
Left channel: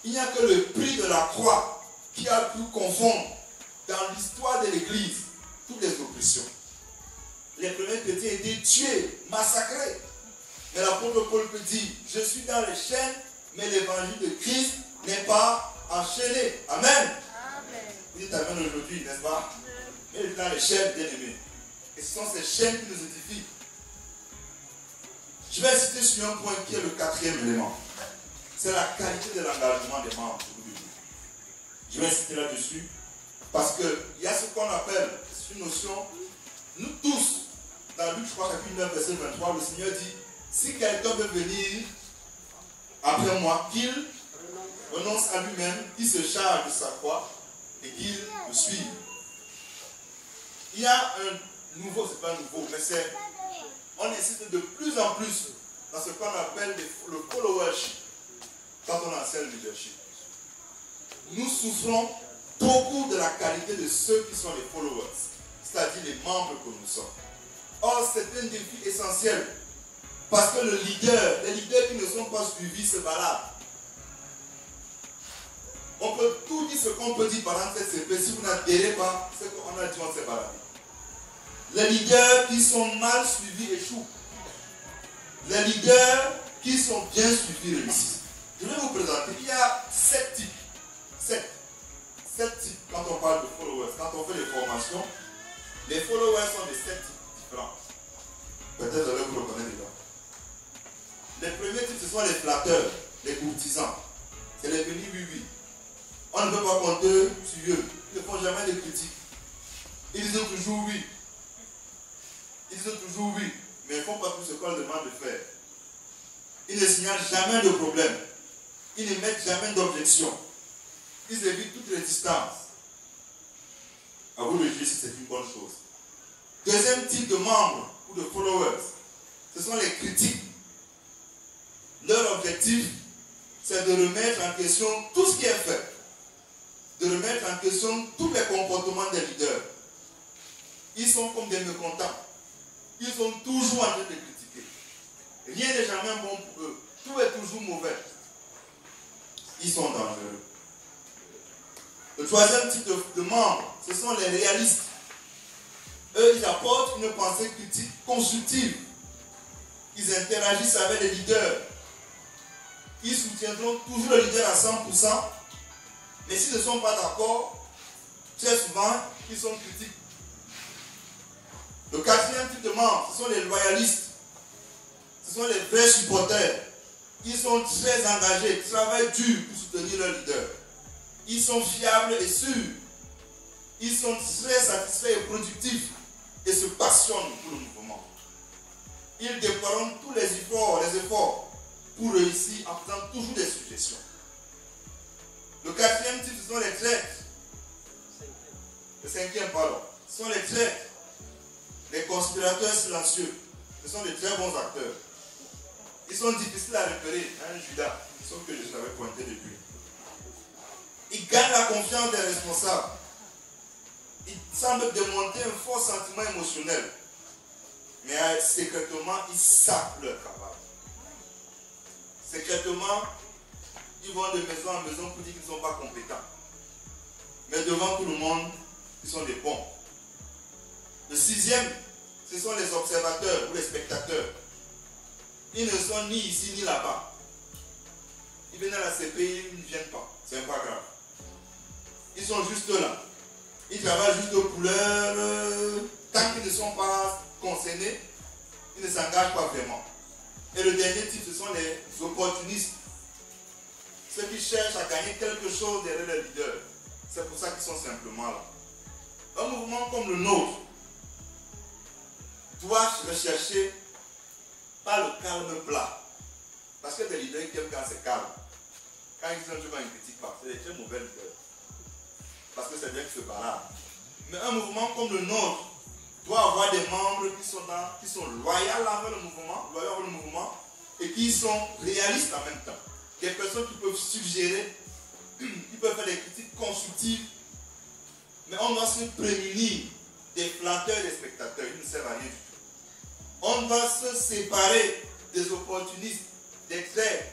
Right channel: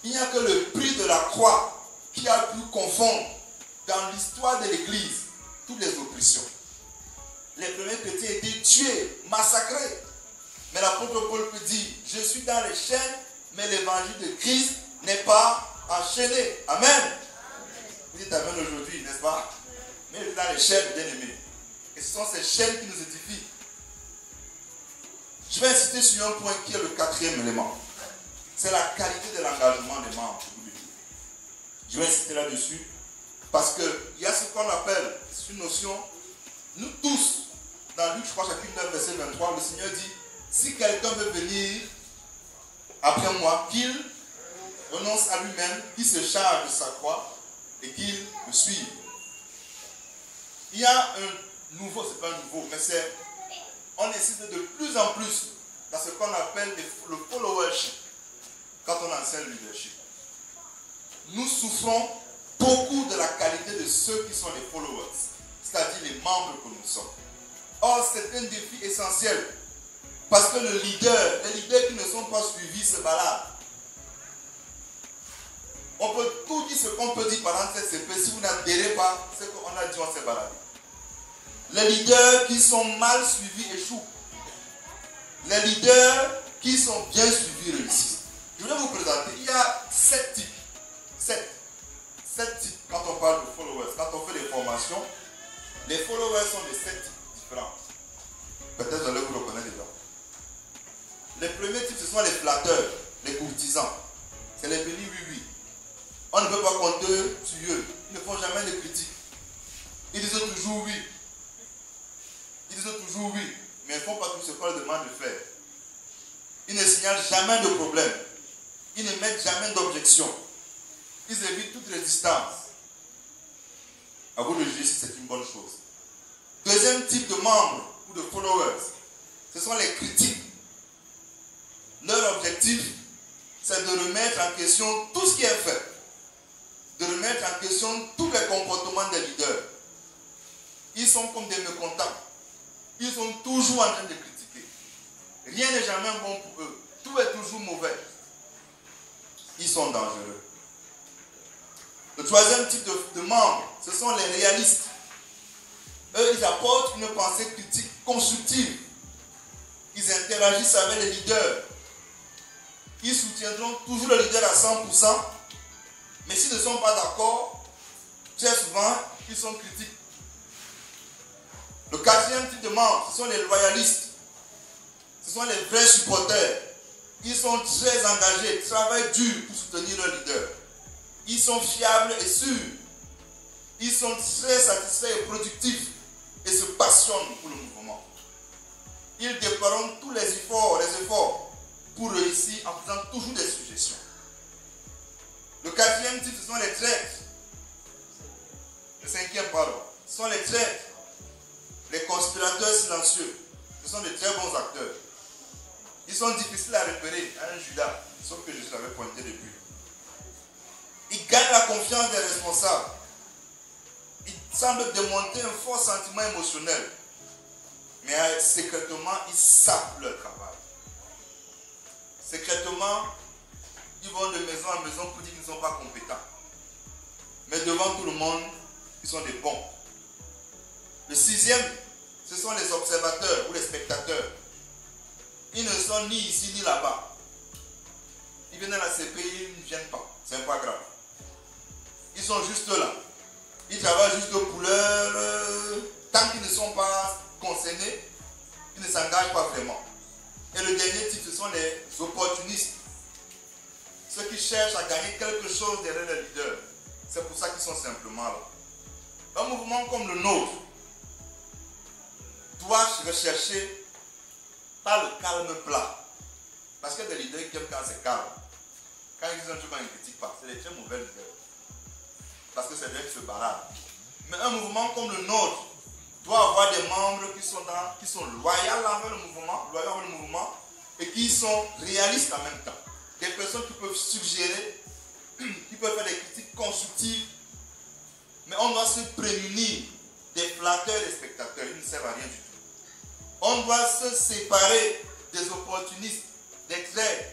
Il n'y a que le prix de la croix qui a pu confondre dans l'histoire de l'Église toutes les oppressions. Les premiers chrétiens étaient tués, massacrés. Mais l'apôtre Paul peut dire, je suis dans les chaînes, mais l'évangile de Christ n'est pas enchaîné. Amen. Vous dites amen aujourd'hui, n'est-ce pas? Mais je suis dans les chaînes, bien aimés. Et ce sont ces chaînes qui nous édifient. Je vais insister sur un point qui est le 4e élément. C'est la qualité de l'engagement des membres. Je vais insister là-dessus parce qu'il y a ce qu'on appelle, c'est une notion, nous tous, dans Luc, je crois, chapitre 9, verset 23, le Seigneur dit, si quelqu'un veut venir après moi, qu'il renonce à lui-même, qu'il se charge de sa croix et qu'il me suive. Il y a un nouveau, c'est pas un nouveau, mais c'est, on insiste de plus en plus dans ce qu'on appelle le followership quand on enseigne le leadership. Nous souffrons beaucoup de la qualité de ceux qui sont les followers, c'est-à-dire les membres que nous sommes. Or, c'est un défi essentiel parce que les leaders qui ne sont pas suivis se baladent. On peut tout dire ce qu'on peut dire pendant cette CP. Si vous n'adhérez pas, c'est qu'on a dit on s'est baladé. Les leaders qui sont mal suivis échouent. Les leaders qui sont bien suivis réussissent. Je vais vous présenter. Il y a 7 types. 7 types quand on parle de followers. Quand on fait des formations, les followers sont de 7 types différents. Peut-être vous allez vous reconnaître dedans. Les premiers types, ce sont les flatteurs, les courtisans. C'est les bénis oui. On ne peut pas compter sur eux. Ils ne font jamais de critiques. Ils disent toujours oui. Mais ils ne font pas tout ce qu'on leur demande de faire. Ils ne signalent jamais de problème. Ils ne mettent jamais d'objection. Ils évitent toute résistance. À vous de juger si c'est une bonne chose. Deuxième type de membres ou de followers, ce sont les critiques. Leur objectif, c'est de remettre en question tout ce qui est fait. De remettre en question tous les comportements des leaders. Ils sont comme des mécontents. Ils sont toujours en train de critiquer. Rien n'est jamais bon pour eux. Tout est toujours mauvais. Ils sont dangereux. Le troisième type de membres, ce sont les réalistes. Eux, ils apportent une pensée critique constructive. Ils interagissent avec les leaders. Ils soutiendront toujours le leader à 100%. Mais s'ils ne sont pas d'accord, très souvent, ils sont critiques. Le quatrième type de membres, ce sont les loyalistes. Ce sont les vrais supporters. Ils sont très engagés, travaillent dur pour soutenir leur leader. Ils sont fiables et sûrs. Ils sont très satisfaits et productifs et se passionnent pour le mouvement. Ils déploieront tous les efforts pour réussir en faisant toujours des suggestions. Le quatrième type, ce sont les traîtres. Le cinquième, pardon, ce sont les traîtres. Les conspirateurs silencieux. Ce sont de très bons acteurs. Ils sont difficiles à repérer, hein, Judas, sauf que je l'avais pointé depuis. Ils gagnent la confiance des responsables. Ils semblent démontrer un fort sentiment émotionnel. Mais secrètement, ils savent leur travail. Secrètement, ils vont de maison en maison pour dire qu'ils ne sont pas compétents. Mais devant tout le monde, ils sont des bons. Le sixième, ce sont les observateurs ou les spectateurs. Ils ne sont ni ici ni là-bas. Ils viennent à la CPI, ils ne viennent pas. C'est pas grave. Ils sont juste là. Ils travaillent juste pour leur... Tant qu'ils ne sont pas concernés, ils ne s'engagent pas vraiment. Et le dernier type, ce sont les opportunistes. Ceux qui cherchent à gagner quelque chose derrière le leader. C'est pour ça qu'ils sont simplement là. Un mouvement comme le nôtre doit rechercher pas le calme plat. Parce que des leaders qui aiment quand c'est calme. Quand ils disent un truc, ils ne critiquent pas. C'est des très mauvais leaders. Parce que c'est bien que se baladent. Mais un mouvement comme le nôtre doit avoir des membres qui sont loyaux avec le mouvement et qui sont réalistes en même temps. Des personnes qui peuvent suggérer, qui peuvent faire des critiques constructives. Mais on doit se prémunir des flatteurs et des spectateurs. Ils ne servent à rien du tout. On doit se séparer des opportunistes, des traîtres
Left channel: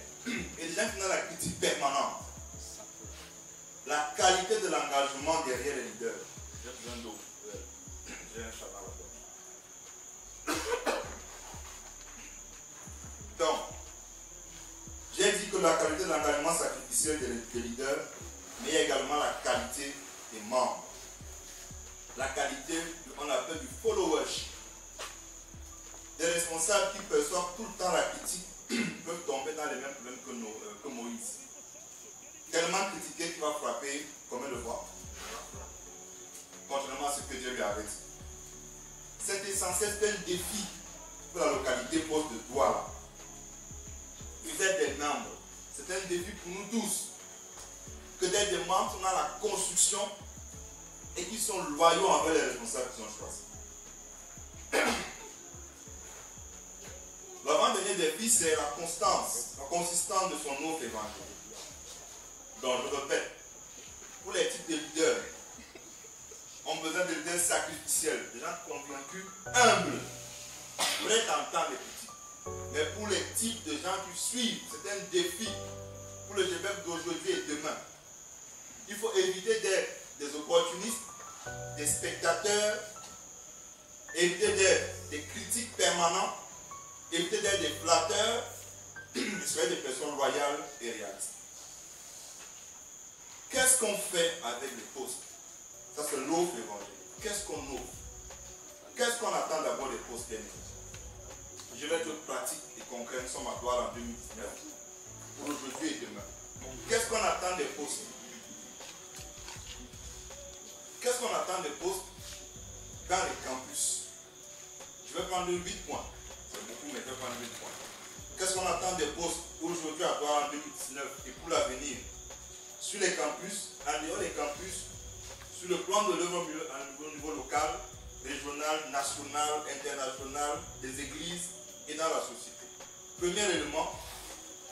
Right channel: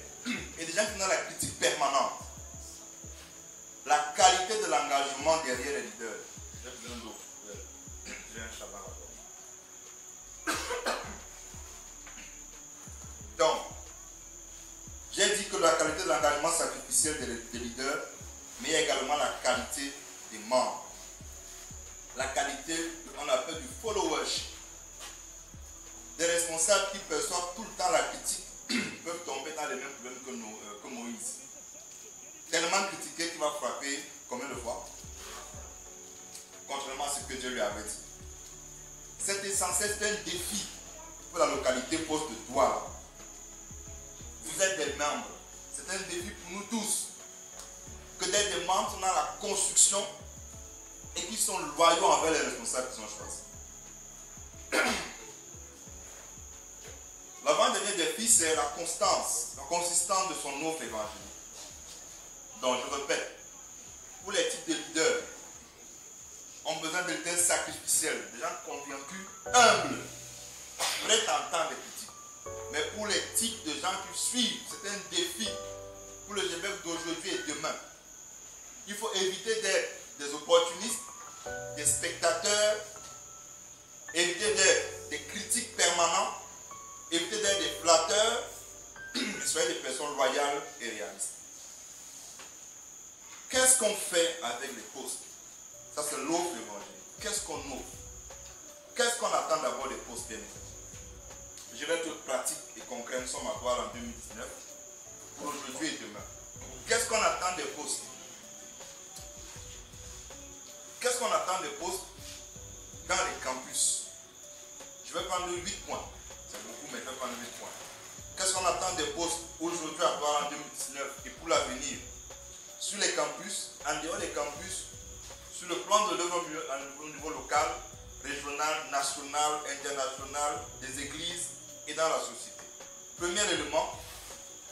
et des gens qui ont la critique permanente. La qualité de l'engagement derrière les leaders. J'ai besoin d'eau. J'ai un chabat là-bas. Donc, j'ai dit que la qualité de l'engagement sacrificiel des leaders, mais également la qualité des membres. La qualité, on appelle du followership. Des responsables qui perçoivent tout le temps la critique peuvent tomber dans les mêmes problèmes que Moïse. Tellement critiqué qu'il va frapper combien de fois? Contrairement à ce que Dieu lui avait dit. C'est essentiel, c'est un défi pour la localité poste de Douala. Vous êtes des membres. C'est un défi pour nous tous. Que d'être des membres sont dans la construction et qui sont loyaux envers les responsables qui sont choisis. L'avant-dernier défi, c'est la constance, la consistance de son offre évangélique. Donc, je répète, pour les types de leaders, on a besoin de leaders sacrificiels, de gens convaincus, humbles, prêts à entendre les critiques. Mais pour les types de gens qui suivent, c'est un défi pour le GBF d'aujourd'hui et demain. Il faut éviter d'être des opportunistes, des spectateurs, éviter d'être des critiques permanents, éviter d'être des flatteurs, soyez des personnes loyales et réalistes. Qu'est-ce qu'on fait avec les postes? Ça, c'est l'offre évangélique. Qu'est-ce qu'on offre? Qu'est-ce qu'on attend d'abord des postes bien? Je vais être pratique et concret. Nous sommes à Douala en 2019. Pour aujourd'hui et demain. Qu'est-ce qu'on attend des postes? Qu'est-ce qu'on attend des postes dans les campus? Je vais prendre 8 points. C'est beaucoup, mais je vais prendre 8 points. Qu'est-ce qu'on attend des postes aujourd'hui à Douala en 2019 et pour l'avenir? Sur les campus, en dehors des campus, sur le plan de l'œuvre au niveau local, régional, national, international, des églises et dans la société. Premier élément,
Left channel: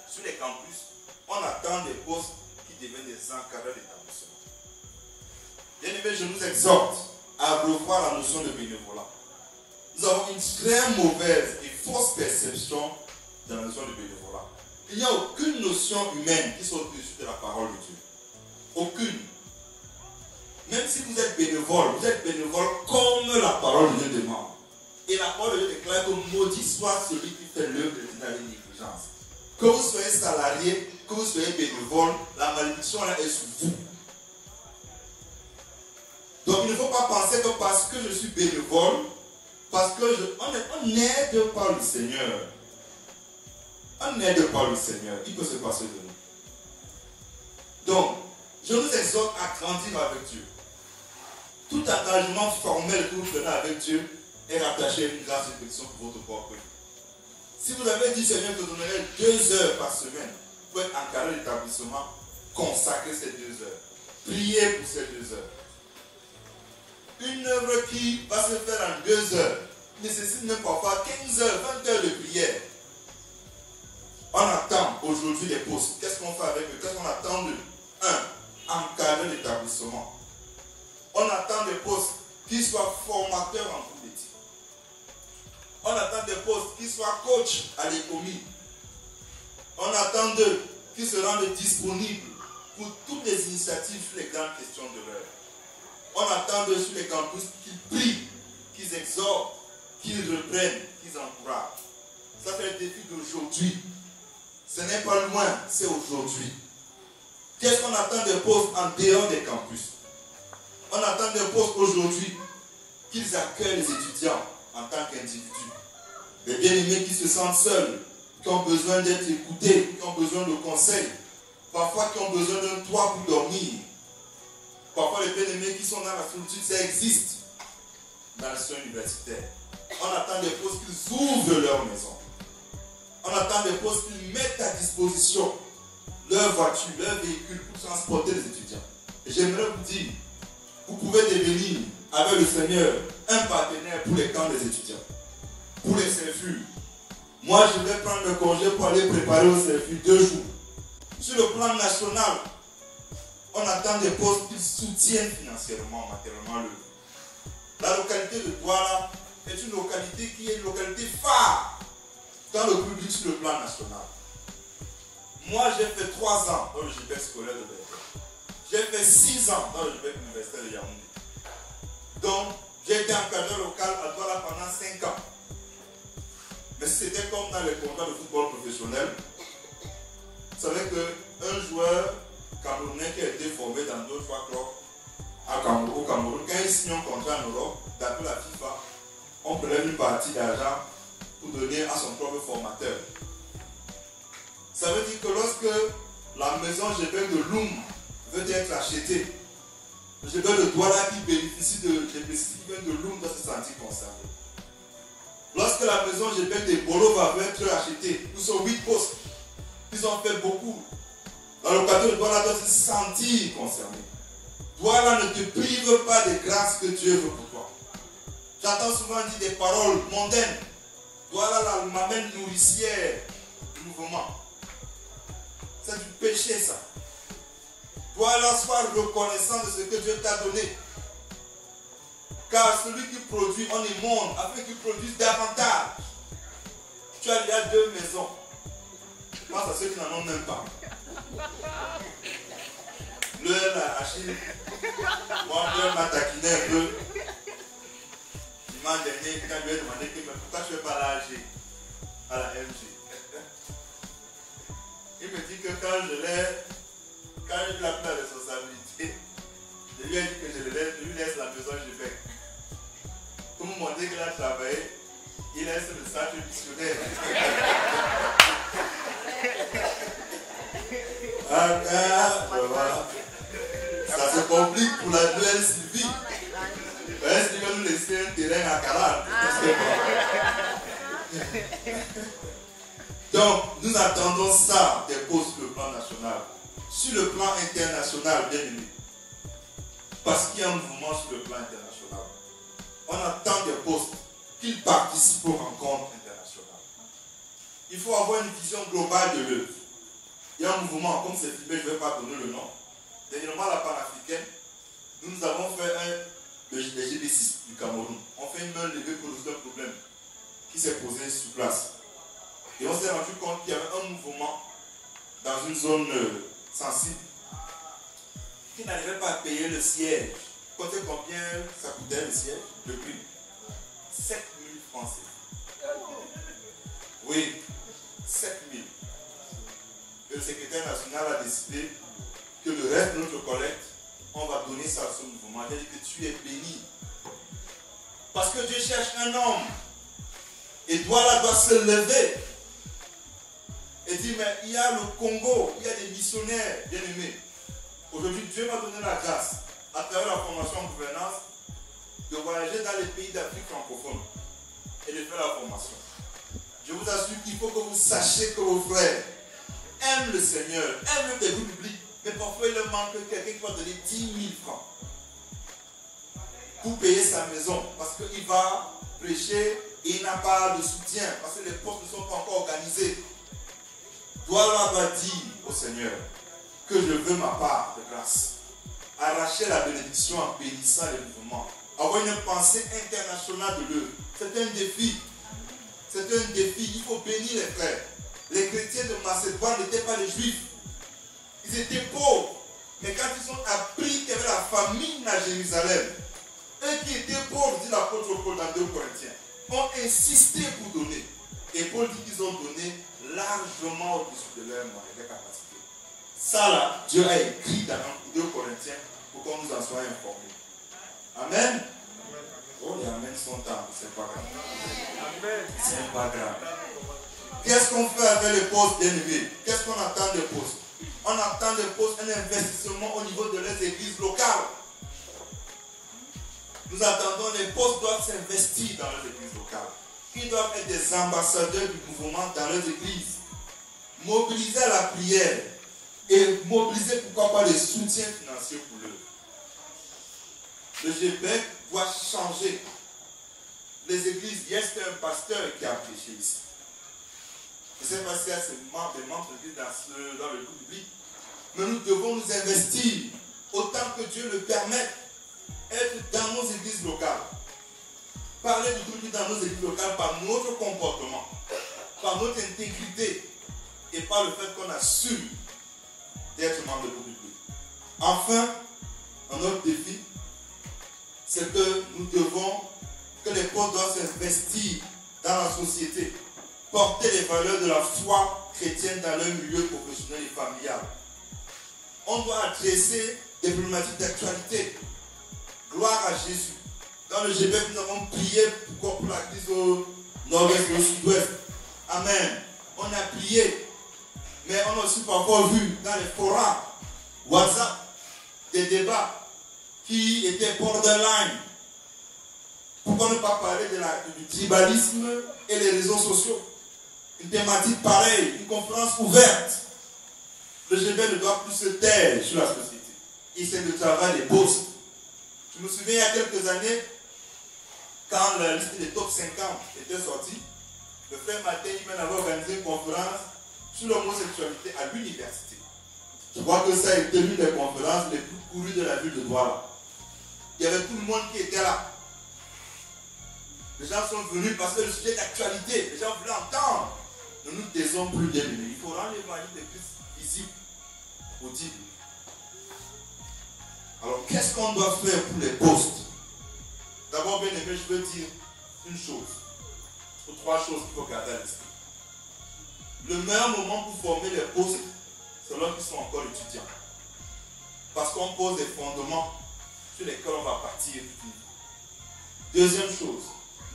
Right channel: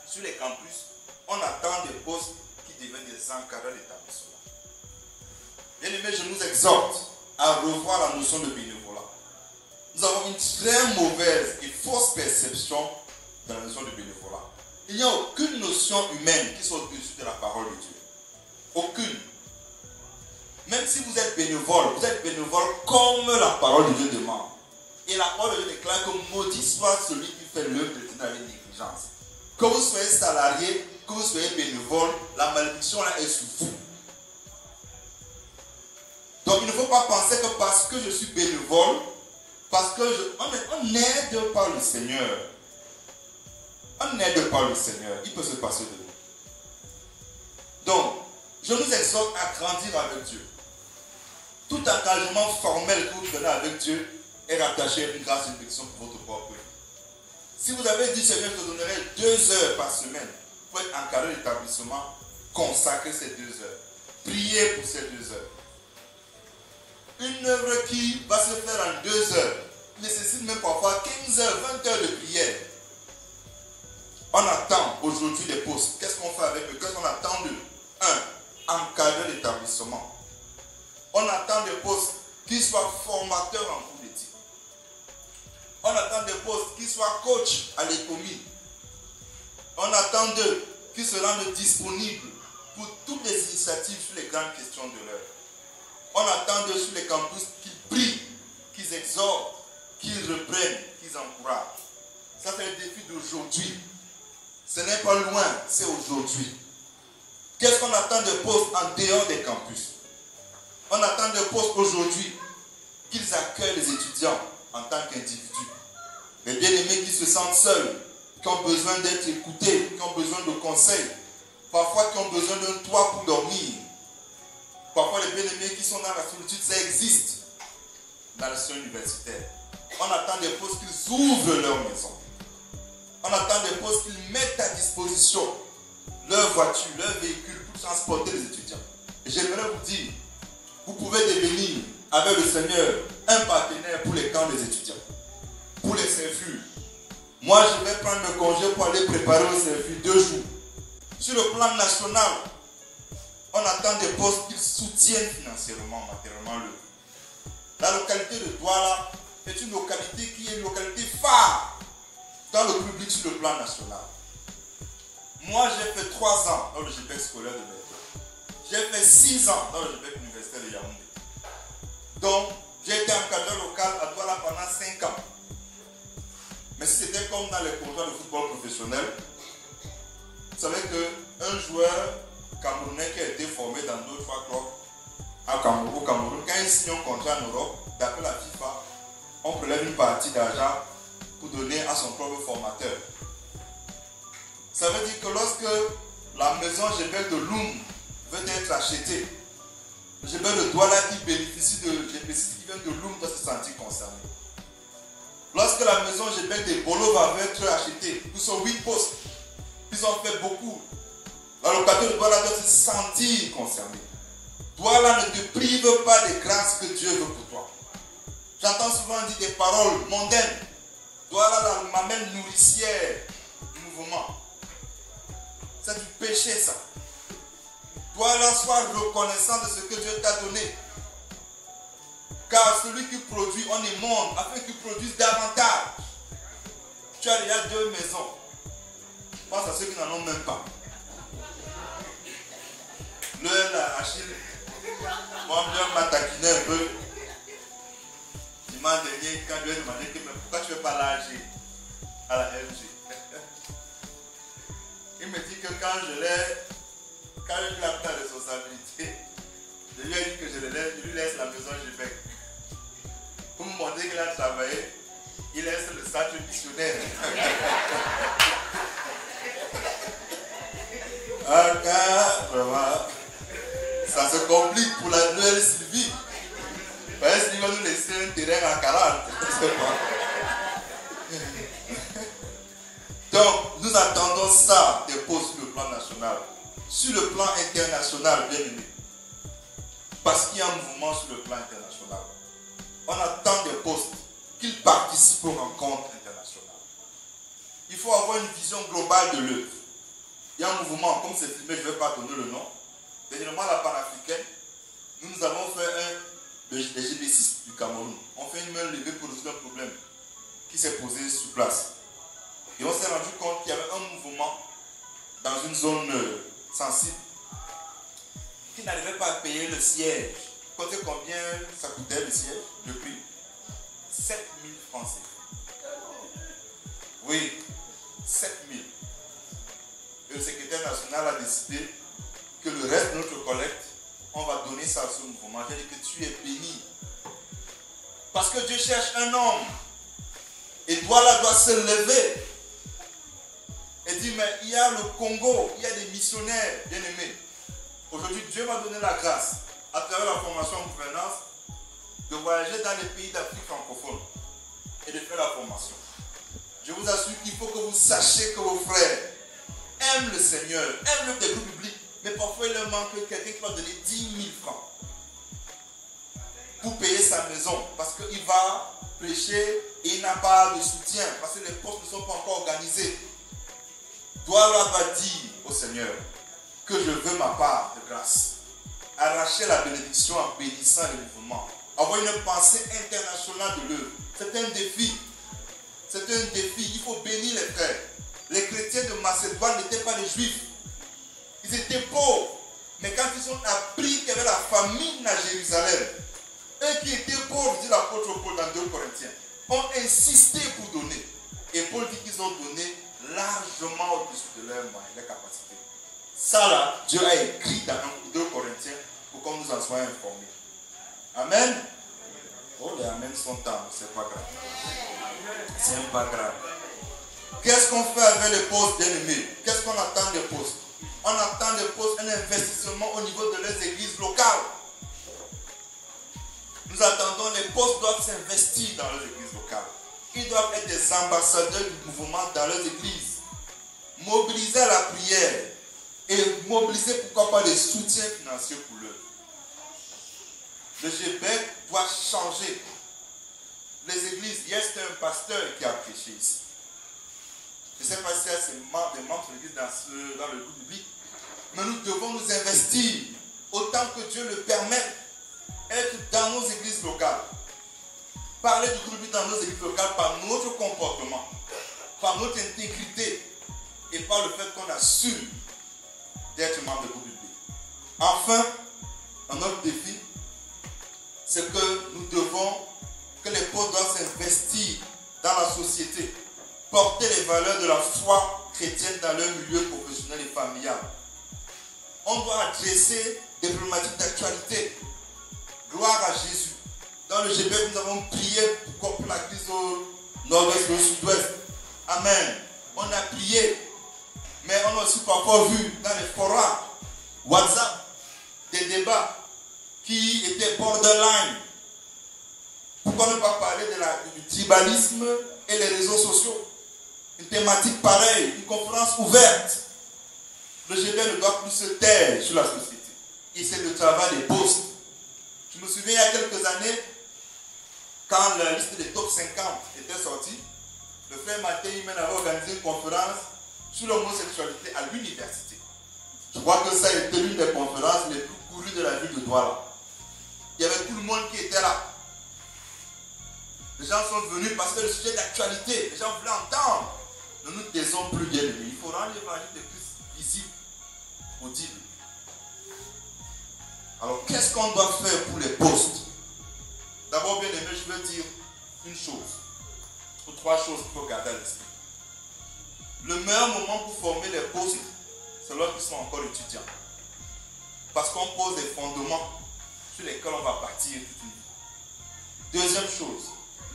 sur les campus, on attend des postes qui deviennent des encadreurs d'établissement. Bien aimé, je nous exhorte à revoir la notion de bénévolat. Nous avons une très mauvaise et fausse perception de la notion de bénévolat. Il n'y a aucune notion humaine qui soit au-dessus de la parole de Dieu. Aucune. Même si vous êtes bénévole comme la parole de Dieu demande. Et la parole de Dieu déclare que maudit soit celui qui fait l'œuvre de Dieu dans les négligences. Que vous soyez salarié, que vous soyez bénévole, la malédiction là est sur vous. Donc il ne faut pas penser que parce que je suis bénévole, parce que on n'aide pas le Seigneur. On n'aide pas le Seigneur. Il peut se passer de nous. Donc, je nous exhorte à grandir avec Dieu. Tout engagement formel que vous prenez avec Dieu est rattaché à une grâce et une bénédiction pour votre propre vie. Si vous avez dit, Seigneur, je te donnerai 2 heures par semaine pour être encadré d'établissement, consacrer ces 2 heures. Prier pour ces 2 heures. Une œuvre qui va se faire en 2 heures nécessite même parfois 15 heures, 20 heures de prière. On attend aujourd'hui les postes. Qu'est-ce qu'on fait avec eux? Qu'est-ce qu'on attend d'eux? 1. Encadrer l'établissement. On attend des postes qui soient formateurs en cours d'éthique. On attend des postes qui soient coach à l'économie. On attend d'eux qu'ils se rendent disponibles pour toutes les initiatives sur les grandes questions de l'heure. On attend d'eux sur les campus qu'ils prient, qu'ils exhortent, qu'ils reprennent, qu'ils encouragent. Ça c'est le défi d'aujourd'hui. Ce n'est pas loin, c'est aujourd'hui. Qu'est-ce qu'on attend des postes en dehors des campus? On attend des postes aujourd'hui qu'ils accueillent les étudiants en tant qu'individus. Les bien-aimés qui se sentent seuls, qui ont besoin d'être écoutés, qui ont besoin de conseils, parfois qui ont besoin d'un toit pour dormir. Parfois les bien-aimés qui sont dans la solitude, ça existe dans le système universitaire. On attend des postes qu'ils ouvrent leur maison. On attend des postes qu'ils mettent à disposition leur voiture, leur véhicule pour transporter les étudiants. Et j'aimerais vous dire, vous pouvez devenir avec le Seigneur un partenaire pour les camps des étudiants, pour les CFU. Moi, je vais prendre le congé pour aller préparer au CFU 2 jours. Sur le plan national, on attend des postes qu'ils soutiennent financièrement, matériellement le. La localité de Douala est une localité qui est une localité phare dans le public sur le plan national. Moi, j'ai fait 3 ans dans le GPEC scolaire de Bénin. J'ai fait 6 ans dans le GPEC universitaire de Yaoundé. Donc, j'ai été encadreur local à Douala pendant 5 ans. Mais si c'était comme dans les contrats de football professionnel, vous savez qu'un joueur camerounais qui a été formé dans 2-3 clubs au Cameroun, quand il signe un contrat en Europe, d'après la FIFA, on prélève une partie d'argent pour donner à son propre formateur. Ça veut dire que lorsque la maison GPEC de Loum veut être achetée, le GPEC de Douala qui bénéficie de GPC qui vient de Loum doit se sentir concerné. Lorsque la maison GPEC de Bolova va être achetée, nous sommes 8 postes, ils ont fait beaucoup. La localité de Douala doit se sentir concerné. Douala ne te prive pas des grâces que Dieu veut pour toi. J'entends souvent dire des paroles mondaines. Douala la mamelle nourricière du mouvement. C'est du péché ça. Douala soit reconnaissant de ce que Dieu t'a donné. Car celui qui produit, on est monde afin qu'il produise davantage. Tu as déjà 2 maisons. Pense à ceux qui n'en ont même pas. Le Achille, moi, je m'a taquiné un peu. Dimanche dernier, quand je lui ai demandé pourquoi tu ne fais pas l'AG à la MG. Il me dit que quand j'ai eu la responsabilité, je lui ai dit que je lui laisse la maison GPEC. Pour me montrer qu'il a travaillé, il laisse le centre missionnaire. Vraiment, ça se complique pour la nouvelle Sylvie. Parce qu'il va nous laisser un terrain à 40. Donc, nous attendons ça des postes sur le plan national. Sur le plan international, bien aimé. Parce qu'il y a un mouvement sur le plan international. On attend des postes qu'ils participent aux rencontres internationales. Il faut avoir une vision globale de l'œuvre. Il y a un mouvement, comme c'est filmé, je ne vais pas donner le nom. Dernièrement, la panafricaine, nous avons fait les GB6 du Cameroun. On fait une main levée pour résoudre un problème qui s'est posé sur place. Et on s'est rendu compte qu'il y avait un mouvement dans une zone sensible qui n'arrivait pas à payer le siège. Comptez combien ça coûtait le siège, le prix? 7 000 francs. Oui, 7 000. Le secrétaire national a décidé que le reste de notre collecte, on va donner ça à ce mouvement. J'ai dit que tu es béni. Parce que Dieu cherche un homme. Et Douala doit se lever. Et dire, mais il y a le Congo, il y a des missionnaires bien aimés. Aujourd'hui, Dieu m'a donné la grâce, à travers la formation en gouvernance, de voyager dans les pays d'Afrique francophone et de faire la formation. Je vous assure qu'il faut que vous sachiez que vos frères aiment le Seigneur, aiment le développement public, Mais parfois, il leur manque quelqu'un qui va donner 10 000 francs pour payer sa maison. Parce qu'il va prêcher et il n'a pas de soutien. Parce que les postes ne sont pas encore organisés. Toi là va dire au Seigneur que je veux ma part de grâce. Arracher la bénédiction en bénissant les mouvements. Avoir une pensée internationale de l'œuvre. C'est un défi. C'est un défi. Il faut bénir les frères. Les chrétiens de Macédoine n'étaient pas des juifs. Ils étaient pauvres. Mais quand ils ont appris qu'il y avait la famine à Jérusalem, eux qui étaient pauvres, dit l'apôtre Paul dans 2 Corinthiens, ont insisté pour donner. Et Paul dit qu'ils ont donné largement au-dessus de leurs moyens, leurs capacités. Ça là, Dieu a écrit dans 2 Corinthiens pour qu'on nous en soit informés. Amen. Oh, les Amen sont tard, c'est pas grave. C'est pas grave. Qu'est-ce qu'on fait avec les postes bien-aimés? Qu'est-ce qu'on attend des postes? On attend des postes, un investissement au niveau de leurs églises locales. Nous attendons, les postes doivent s'investir dans leurs églises locales. Ils doivent être des ambassadeurs du mouvement dans leurs églises. Mobiliser à la prière et mobiliser, pourquoi pas, les soutiens financiers pour eux. Le GBEC doit changer. Les églises, hier c'était un pasteur qui a prêché ici. Je ne sais pas si c'est des membres de l'église dans le groupe public. Mais nous devons nous investir autant que Dieu le permet. Être dans nos églises locales. Parler du groupe dans nos églises locales par notre comportement, par notre intégrité et par le fait qu'on assume d'être membre de groupe. Enfin, un autre défi, c'est que nous devons, que les postes doivent s'investir dans la société, porter les valeurs de la foi chrétienne dans leur milieu professionnel et familial. On doit adresser des problématiques d'actualité. Gloire à Jésus. Dans le GBEC, nous avons prié pour la crise au nord-ouest et au sud-ouest. Amen. On a prié. Mais on a aussi parfois vu dans les forums WhatsApp des débats qui étaient borderline. Pourquoi ne pas parler du tribalisme et les réseaux sociaux? Une thématique pareille, une conférence ouverte. Le GBEC ne doit plus se taire sur la société. Et c'est le travail des postes. Je me souviens il y a quelques années, quand la liste des top 50 était sortie, le frère Mattei avait organisé une conférence sur l'homosexualité à l'université. Je crois que ça a été l'une des conférences les plus courues de la ville de Douala. Il y avait tout le monde qui était là. Les gens sont venus parce que le sujet d'actualité, les gens voulaient entendre. Ne nous taisons plus bien lui. Il faut rendre l'évangile de Christ visible, audible. Alors, qu'est-ce qu'on doit faire pour les postes? D'abord, bien aimé, je veux dire une chose, ou trois choses qu'il faut garder à l'esprit. Le meilleur moment pour former les postes, c'est lorsqu'ils sont encore étudiants. Parce qu'on pose des fondements sur lesquels on va partir. Deuxième chose,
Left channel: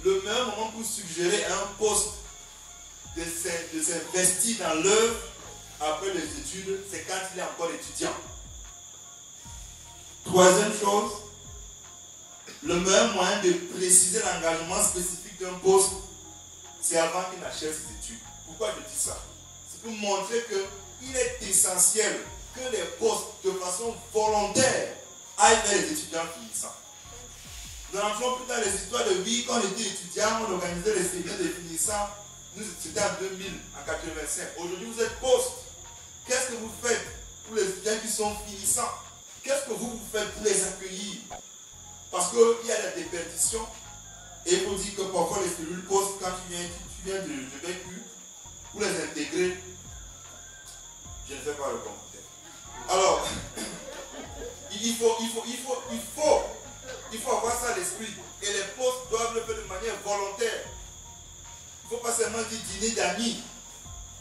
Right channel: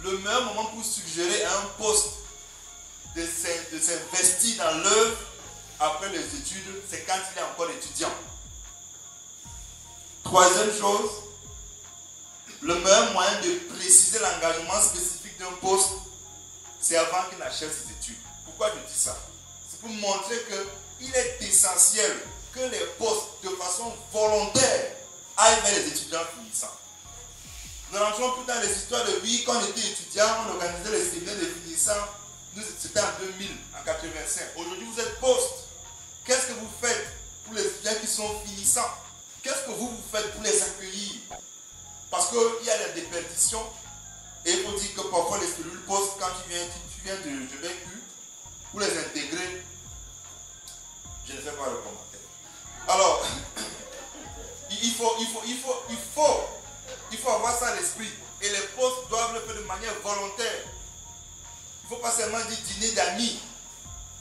le meilleur moment pour suggérer à un poste de s'investir dans l'œuvre après les études, c'est quand il est encore étudiant. Troisième chose, le meilleur moyen de préciser l'engagement spécifique d'un poste, c'est avant qu'il achève ses études. Pourquoi je dis ça? C'est pour montrer qu'il est essentiel que les postes, de façon volontaire, aillent vers les étudiants finissants. Nous n'entrons plus dans les histoires de vie. Quand on était étudiant, on organisait les séminaires de finissants. Nous, c'était en 2000, en 85. Aujourd'hui, vous êtes poste. Qu'est-ce que vous faites pour les étudiants qui sont finissants? Qu'est-ce que vous faites pour les accueillir? Parce qu'il y a la déperdition. Et il faut dire que parfois les cellules postes, quand tu viens de vécu, pour les intégrer, je ne fais pas le commentaire. Alors, il faut avoir ça à l'esprit. Et les postes doivent le faire de manière volontaire. Il ne faut pas seulement dire dîner d'amis.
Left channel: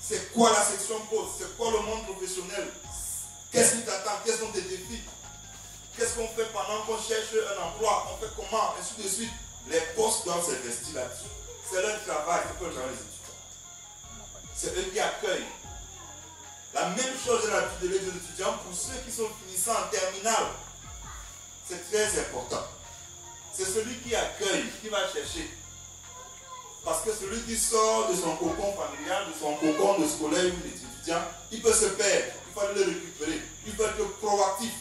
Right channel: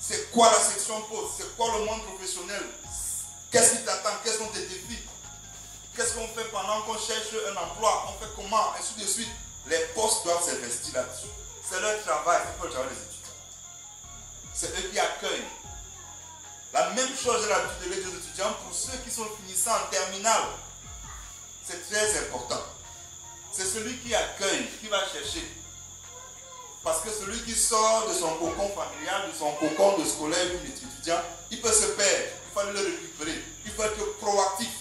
C'est quoi la section poste? C'est quoi le monde professionnel? Qu'est-ce qui t'attend? Quels sont tes défis? Qu'est-ce qu'on fait pendant qu'on cherche un emploi? On fait comment? Ainsi de suite. Les postes doivent s'investir là-dessus. C'est leur travail, c'est pas le travail des étudiants. C'est eux qui accueillent. La même chose est l'habitude de l'aide aux étudiants pour ceux qui sont finissants en terminale. C'est très important. C'est celui qui accueille, qui va chercher. Parce que celui qui sort de son cocon familial, de son cocon de scolaire ou d'étudiant, il peut se perdre. Il faut le récupérer. Il faut être proactif.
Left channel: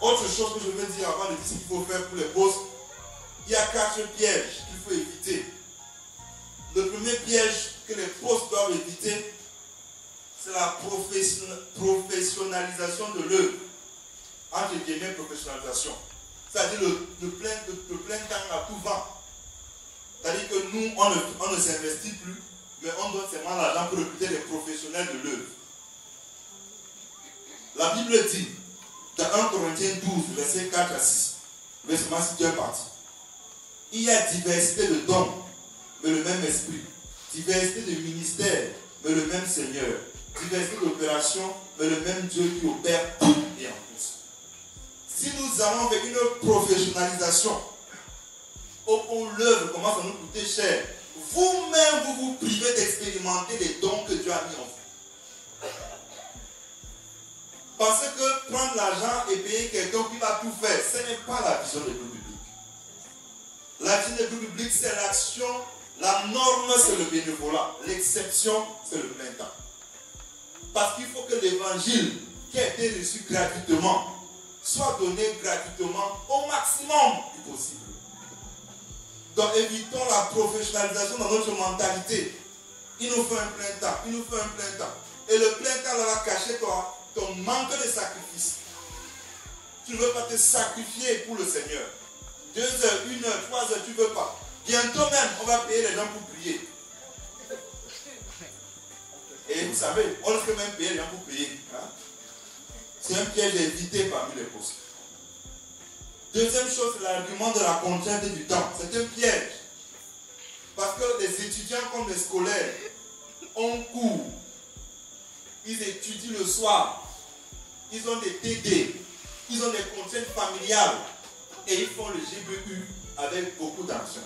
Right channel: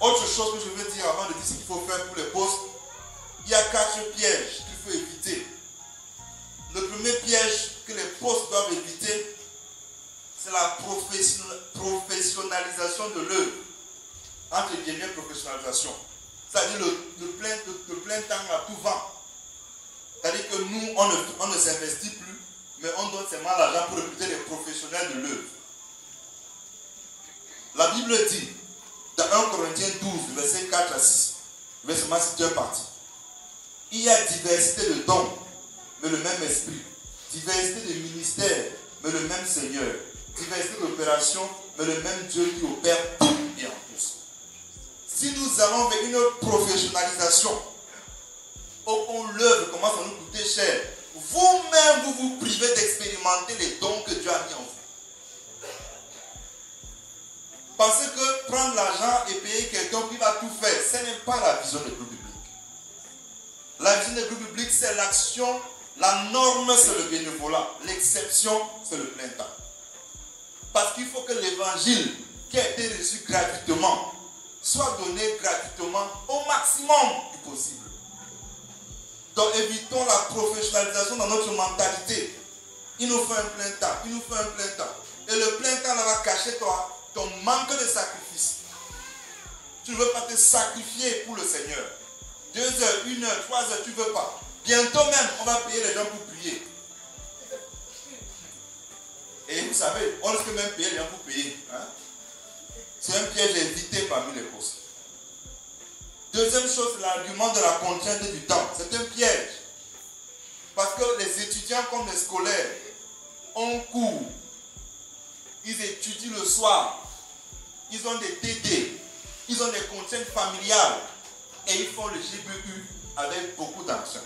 Autre chose que je veux dire avant de dire ce qu'il faut faire pour les postes, il y a 4 pièges qu'il faut éviter. Le premier piège que les postes doivent éviter, c'est la professionnalisation de l'œuvre. Entre guillemets, professionnalisation. C'est-à-dire le plein temps à tout vent. C'est-à-dire que nous, on ne s'investit plus, mais on donne seulement l'argent pour recruter les professionnels de l'œuvre. La Bible dit, dans 1 Corinthiens 12, verset 4 à 6, je vais seulement citer une partie. Il y a diversité de dons, mais le même esprit. Diversité de ministères, mais le même Seigneur. Diversité d'opérations, mais le même Dieu qui opère tout et en tous. Si nous allons vers une professionnalisation, où l'œuvre commence à nous coûter cher, vous-même, vous vous privez d'expérimenter les dons que Dieu a mis en vous. Parce que prendre l'argent et payer quelqu'un qui va tout faire, ce n'est pas la vision de groupe biblique. La vision de groupe biblique, c'est l'action. La norme, c'est le bénévolat. L'exception, c'est le plein temps. Parce qu'il faut que l'évangile qui a été reçu gratuitement soit donné gratuitement au maximum du possible. Donc évitons la professionnalisation dans notre mentalité. Il nous faut un plein temps. Il nous faut un plein temps. Et le plein temps va cacher ton manque de sacrifice. Tu ne veux pas te sacrifier pour le Seigneur. 2 heures, 1 heure, 3 heures, tu ne veux pas. Bientôt même, on va payer les gens pour prier. Et vous savez, on risque même payer les gens pour prier. Hein? C'est un piège évité parmi les postes. Deuxième chose, l'argument de la contrainte du temps. C'est un piège. Parce que les étudiants comme les scolaires ont cours. Ils étudient le soir. Ils ont des TD. Ils ont des contraintes familiales. Et ils font le GBU avec beaucoup d'argent.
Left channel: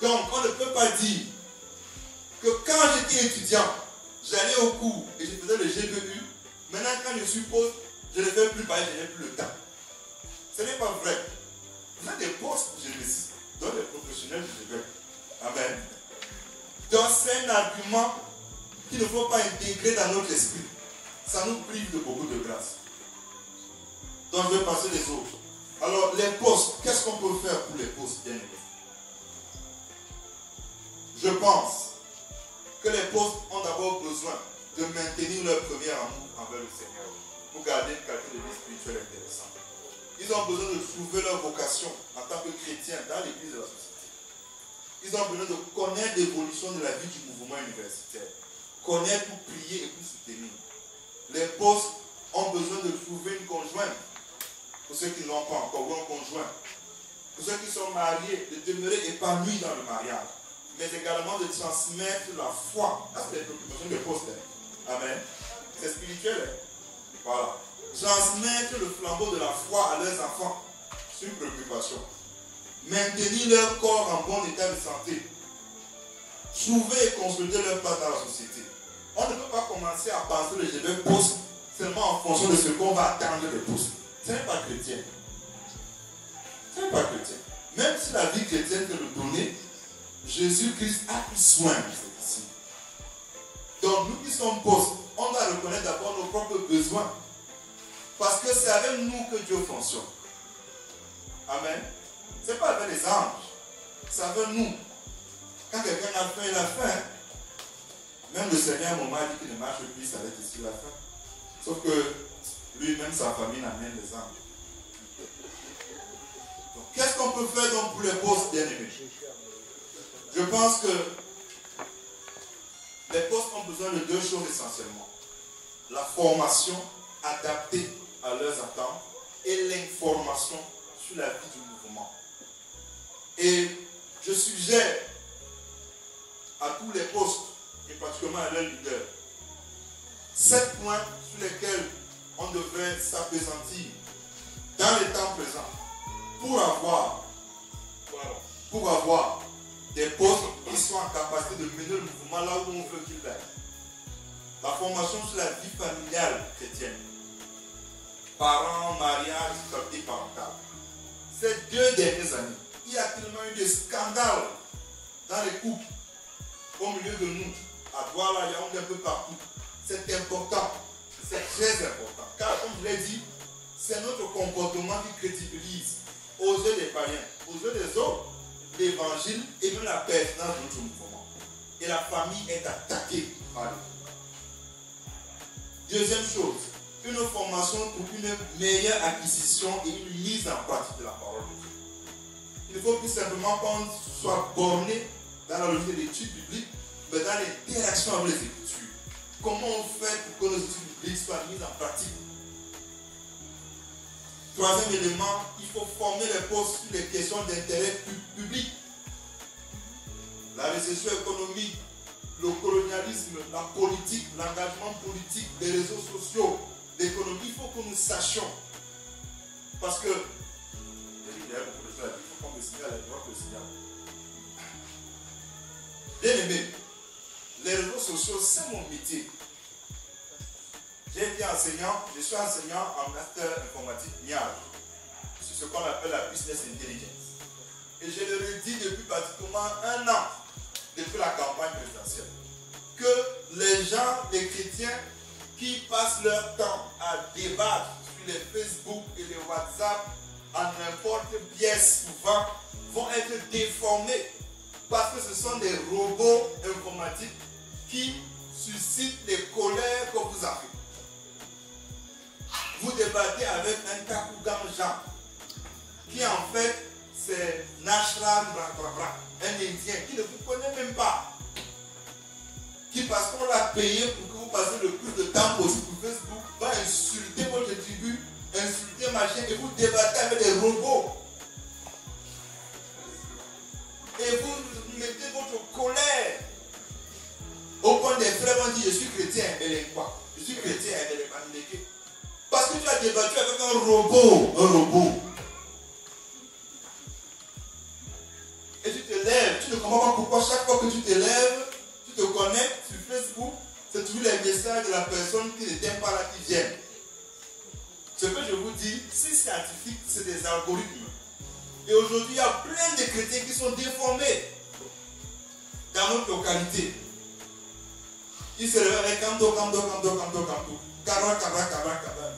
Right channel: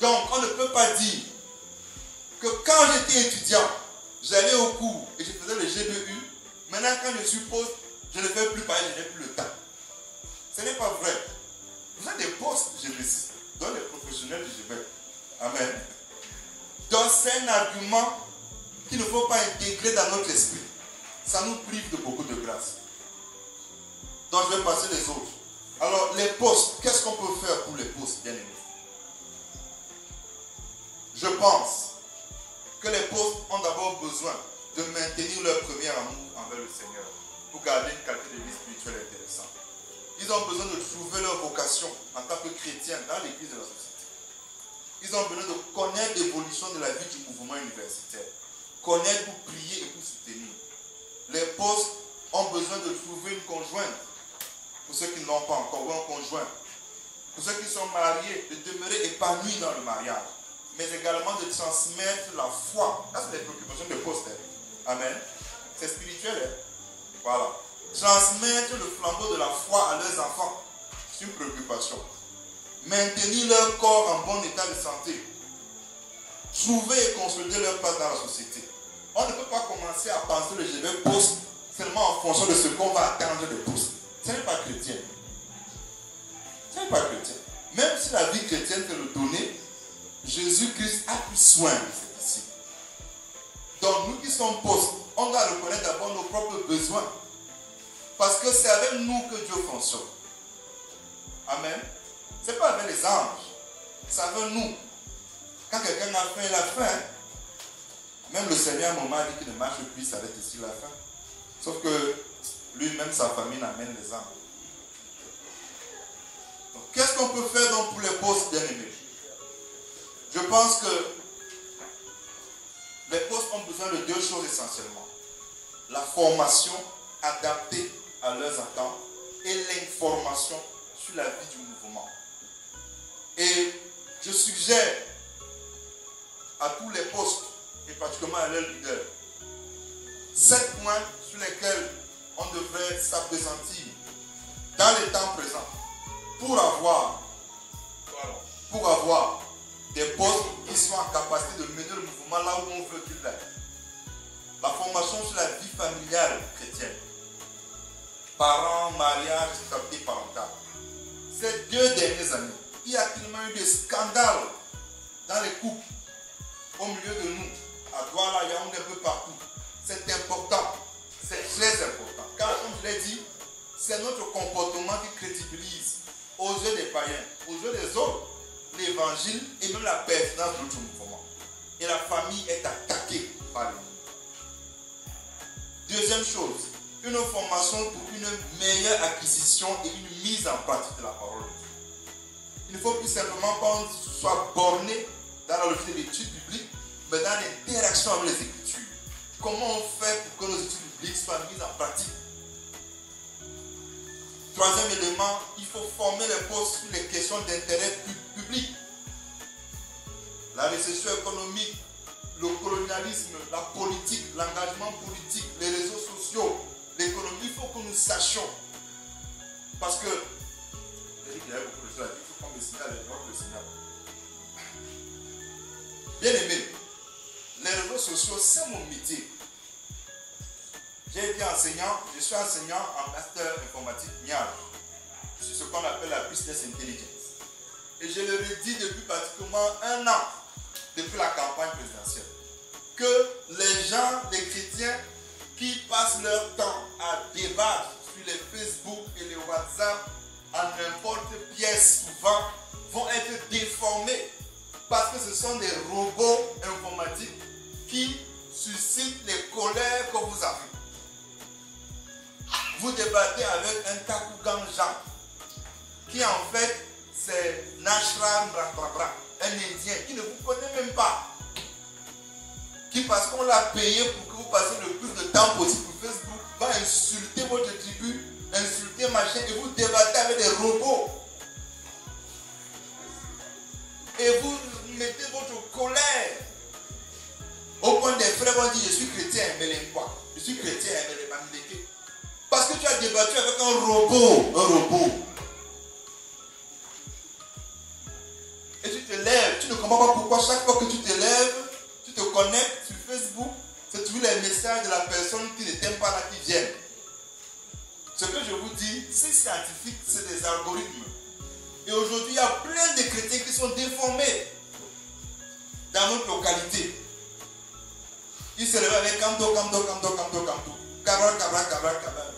Donc, on ne peut pas dire que quand j'étais étudiant, j'allais au cours et je faisais le GBU. Maintenant, quand je suis poste, je ne fais plus parce que je n'ai plus le temps. Ce n'est pas vrai. Vous avez des postes, je précise, dans les professionnels du GBU. Amen. Donc, c'est un argument qu'il ne faut pas intégrer dans notre esprit. Ça nous prive de beaucoup de grâce. Donc, je vais passer les autres. Alors, les postes, qu'est-ce qu'on peut faire pour les postes, bien aimés? Je pense que les postes ont d'abord besoin de maintenir leur premier amour envers le Seigneur pour garder une qualité de vie spirituelle intéressante. Ils ont besoin de trouver leur vocation en tant que chrétiens dans l'église de la société. Ils ont besoin de connaître l'évolution de la vie du mouvement universitaire. Connaître pour prier et pour soutenir. Les postes ont besoin de trouver une conjointe. Pour ceux qui ne l'ont pas encore, ou un conjoint. Pour ceux qui sont mariés, de demeurer épanouis dans le mariage. Mais également de transmettre la foi. Ça, c'est les préoccupations de poste. Amen. C'est spirituel. Voilà. Transmettre le flambeau de la foi à leurs enfants. C'est une préoccupation. Maintenir leur corps en bon état de santé. Trouver et consolider leur place dans la société. On ne peut pas commencer à penser le je vais poste seulement en fonction de ce qu'on va attendre de poste. Ce n'est pas chrétien. Ce n'est pas chrétien. Même si la vie chrétienne te le donnait, Jésus-Christ a pris soin de ses disciples. Donc nous qui sommes postes, on doit reconnaître d'abord nos propres besoins. Parce que c'est avec nous que Dieu fonctionne. Amen. Ce n'est pas avec les anges. C'est avec nous. Quand quelqu'un a faim, il a faim. Même le Seigneur à un moment a dit qu'il ne marche plus, ça va être ici la fin. Sauf que lui-même, sa famille l'amène les âmes. Qu'est-ce qu'on peut faire donc pour les postes bien-aimés? Je pense que les postes ont besoin de 2 choses essentiellement. La formation adaptée à leurs attentes et l'information sur la vie du mouvement. Et je suggère à tous les postes, et particulièrement à leurs leaders, 7 points sur lesquels on devrait s'appesantir dans les temps présents pour avoir des postes qui soient en capacité de mener le mouvement là où on veut qu'il aille. La formation sur la vie familiale chrétienne. Parents, mariage, stabilité parentale. Ces 2 dernières années, il y a tellement eu des scandales dans les couples, au milieu de nous, à Douala, il y a un peu partout. C'est important. C'est très important. Car comme je l'ai dit, c'est notre comportement qui crédibilise aux yeux des païens, aux yeux des autres, l'évangile et même la pertinence de notre mouvement. Et la famille est attaquée par lui. Deuxième chose, une formation pour une meilleure acquisition et une mise en pratique de la parole de Dieu. Il ne faut plus simplement qu'on soit borné dans la logique de l'étude biblique, mais dans l'interaction avec les Écritures. Comment on fait pour que nos études bibliques soient mises en pratique? Troisième élément, il faut former les postes sur les questions d'intérêt public. La récession économique, le colonialisme, la politique, l'engagement politique, les réseaux sociaux, l'économie, il faut que nous sachions. Parce que, il y a beaucoup de choses à dire, il faut qu'on me signale avec moi le signal. Bien aimé, les réseaux sociaux, c'est mon métier. J'ai été enseignant, je suis enseignant en master informatique MIAL, sur ce qu'on appelle la business intelligence. Et je le redis depuis pratiquement 1 an, depuis la campagne présidentielle, que les gens, les chrétiens, qui passent leur temps à débattre sur les Facebook et les WhatsApp en n'importe pièce souvent, vont être déformés parce que ce sont des robots informatiques qui suscitent les colères que vous avez. Vous débattez avec un Takougan Jean, qui en fait c'est Nashram Rakrabra, un Indien qui ne vous connaît même pas. Qui parce qu'on l'a payé pour que vous passiez le plus de temps possible sur Facebook, va insulter votre tribu, insulter machin, et vous débattez avec des robots. Et vous mettez votre colère. Au point des frères vont dire, je suis chrétien, mais les quoi? Je suis chrétien, mais les mamileke. Parce que tu as débattu avec un robot. Et tu te lèves, tu ne comprends pas pourquoi chaque fois que tu te lèves, tu te connectes sur Facebook, c'est toujours les messages de la personne qui ne t'aime pas là qui viennent. Ce que je vous dis, c'est scientifique, c'est des algorithmes. Et aujourd'hui, il y a plein de chrétiens qui sont déformés dans notre localité. Ils se réveillent avec canto. Cabra.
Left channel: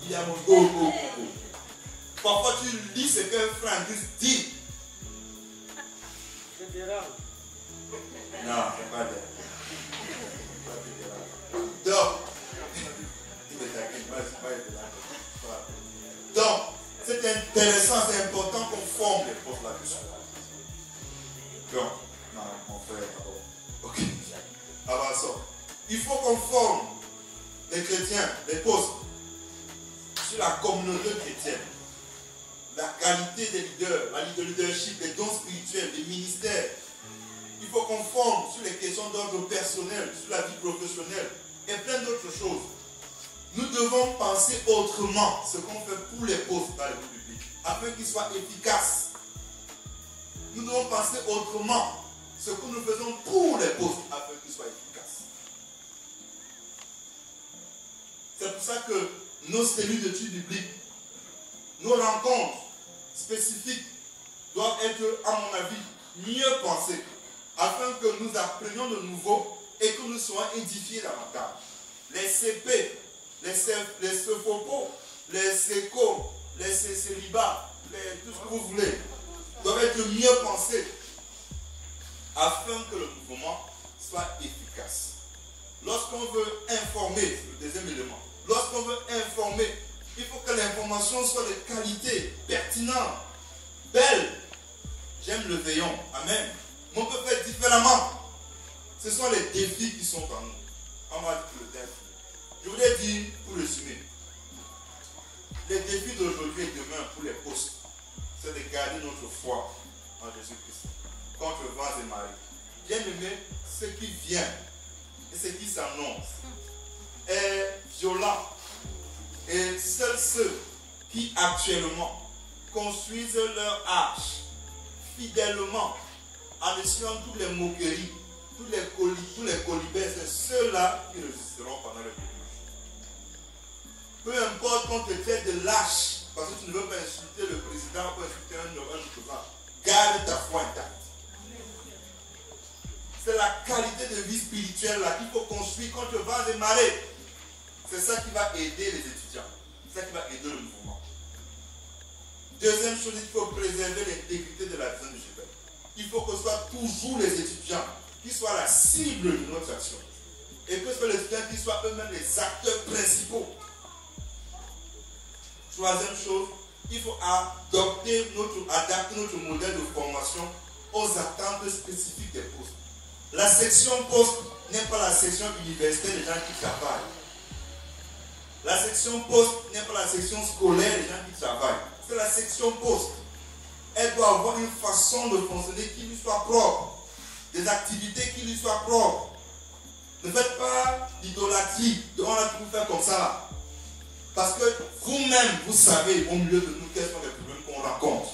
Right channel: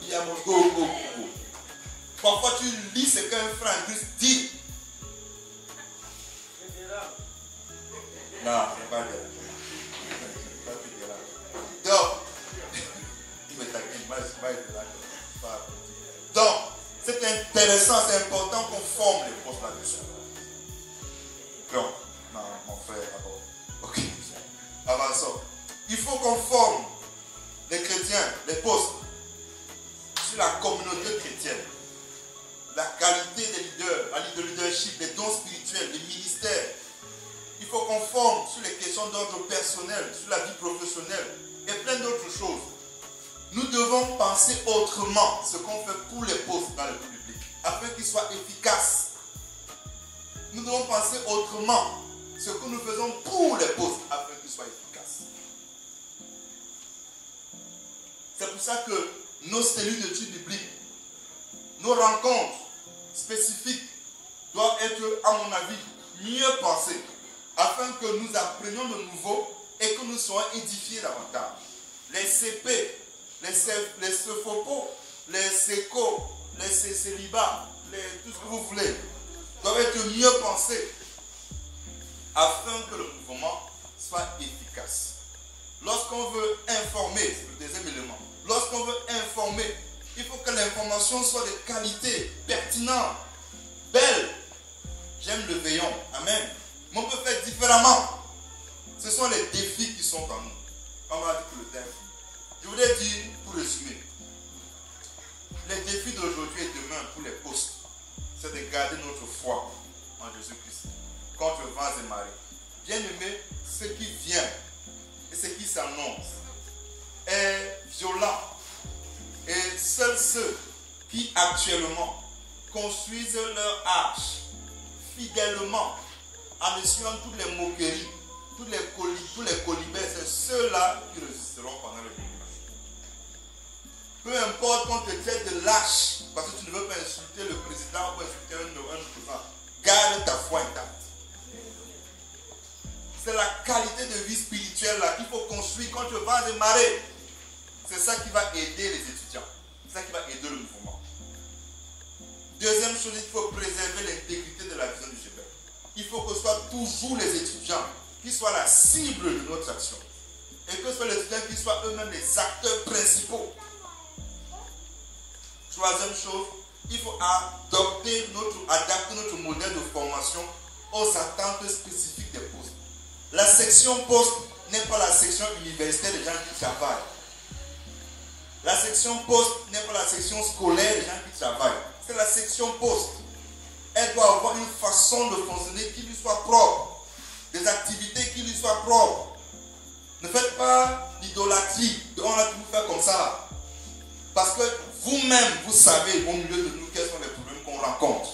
Il y a mon go. Parfois, tu lis ce qu'un frère en Christ dit. Non, c'est pas bien. Donc, c'est intéressant, c'est important qu'on forme les postes là-dessus. Donc, non, on fait d'abord. Ok, avançons. Il faut qu'on forme les chrétiens, les postes, sur la communauté chrétienne. La qualité des leaders, le leadership, les dons spirituels, les ministères. Il faut qu'on forme sur les questions d'ordre personnel, sur la vie professionnelle et plein d'autres choses. Nous devons penser autrement ce qu'on fait pour les postes dans le public, afin qu'ils soient efficaces. Nous devons penser autrement ce que nous faisons pour les postes, afin qu'ils soient efficaces. C'est pour ça que nos cellules d'études bibliques, nos rencontres spécifiques doivent être, à mon avis, mieux pensées, afin que nous apprenions de nouveau et que nous soyons édifiés davantage. Les CP, les Sophopo, les SECO, les célibats, tout ce que vous voulez, doivent être mieux pensés afin que le mouvement soit efficace. Lorsqu'on veut informer, c'est le deuxième élément, lorsqu'on veut informer, il faut que l'information soit de qualité, pertinente, belle. J'aime le veillon, amen. Mais on peut faire différemment. Ce sont les défis qui sont en nous. On va dire que le thème. Je voulais dire, pour résumer, les défis d'aujourd'hui et demain pour les postes, c'est de garder notre foi en Jésus-Christ contre vents et marées. Bien aimé, ce qui vient et ce qui s'annonce est violent. Et seuls ceux qui actuellement construisent leur arche fidèlement en essuyant toutes les moqueries, tous les colibets, c'est ceux-là qui résisteront pendant le déluge. Peu importe qu'on te traite de lâche, parce que tu ne veux pas insulter le président ou insulter un opposant, garde ta foi intacte. C'est la qualité de vie spirituelle là qu'il faut construire contre vents et marées. C'est ça qui va aider les étudiants. C'est ça qui va aider le mouvement. Deuxième chose, il faut préserver l'intégrité de la vision du GBEL. Il faut que ce soit toujours les étudiants qui soient la cible de notre action. Et que ce soit les étudiants qui soient eux-mêmes les acteurs principaux. Troisième chose, il faut adapter notre modèle de formation aux attentes spécifiques des postes. La section poste n'est pas la section universitaire des gens qui travaillent. La section poste n'est pas la section scolaire des gens qui travaillent. C'est la section poste. Elle doit avoir une façon de fonctionner qui lui soit propre. Des activités qui lui soient propres. Ne faites pas l'idolâtrie de on a tout faire comme ça là. Parce que vous-même, vous savez au milieu de nous quels sont les problèmes qu'on rencontre.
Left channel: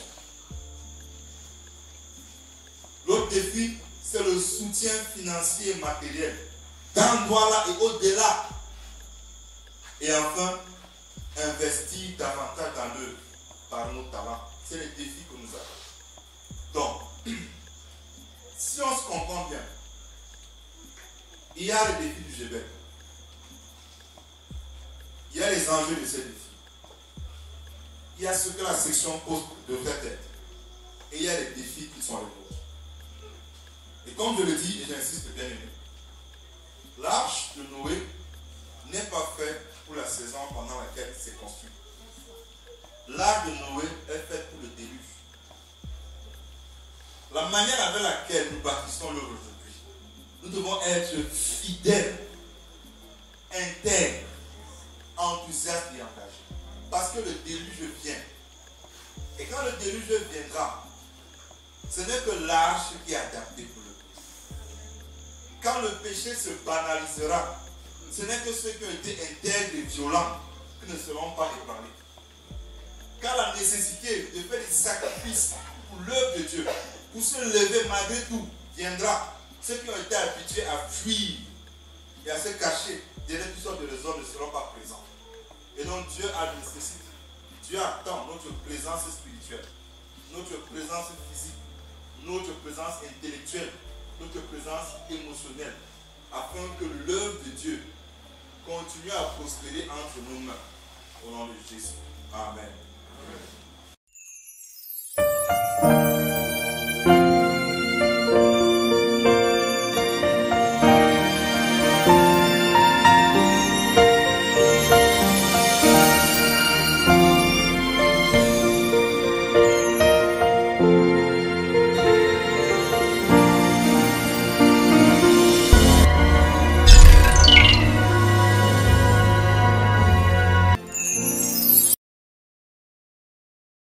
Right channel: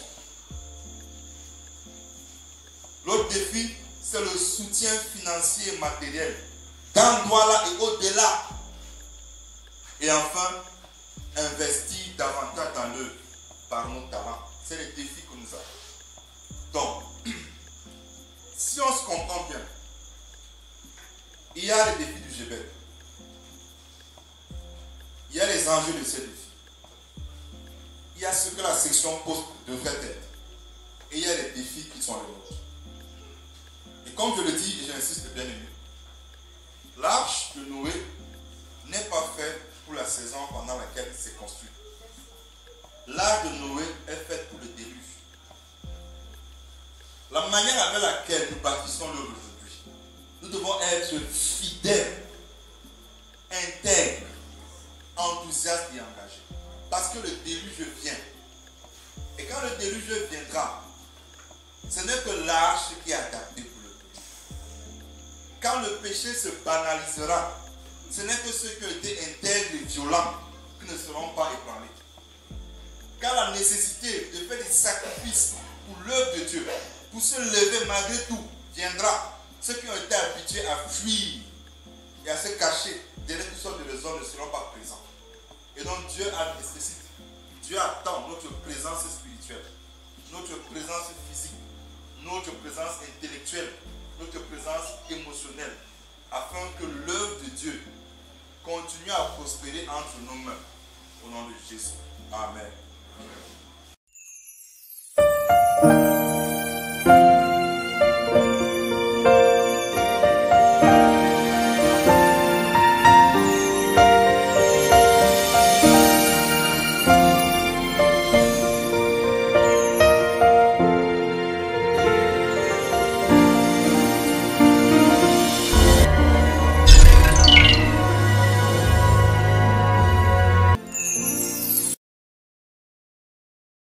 L'autre défi, c'est le soutien financier et matériel. Dans Douala et au-delà. Et enfin, investir davantage dans l'œuvre par nos talents. C'est le défi que nous avons. Donc, si on se comprend bien, il y a les défis du GBEL. Il y a les enjeux de ces défis. Il y a ce que la section poste devrait être. Et il y a les défis qui sont les nôtres. Et comme je le dis, et j'insiste bien aimé, l'arche de Noé n'est pas faite pour la saison pendant laquelle il s'est construit. L'arche de Noé est faite pour le déluge. La manière avec laquelle nous bâtissons l'œuvre aujourd'hui, nous devons être fidèles, intègres, enthousiastes et engagés. Parce que le déluge vient. Et quand le déluge viendra, ce n'est que l'arche qui est adaptée pour le péché. Quand le péché se banalisera, ce n'est que ceux qui ont été intègres et violents qui ne seront pas ébranlés. Quand la nécessité de faire des sacrifices pour l'œuvre de Dieu, pour se lever malgré tout, viendra, ceux qui ont été habitués à fuir et à se cacher derrière toutes sortes de raisons ne seront pas présents. Et donc Dieu nécessite, Dieu attend notre présence spirituelle, notre présence physique, notre présence intellectuelle, notre présence émotionnelle, afin que l'œuvre de Dieu continue à prospérer entre nos mains. Au nom de Jésus. Amen.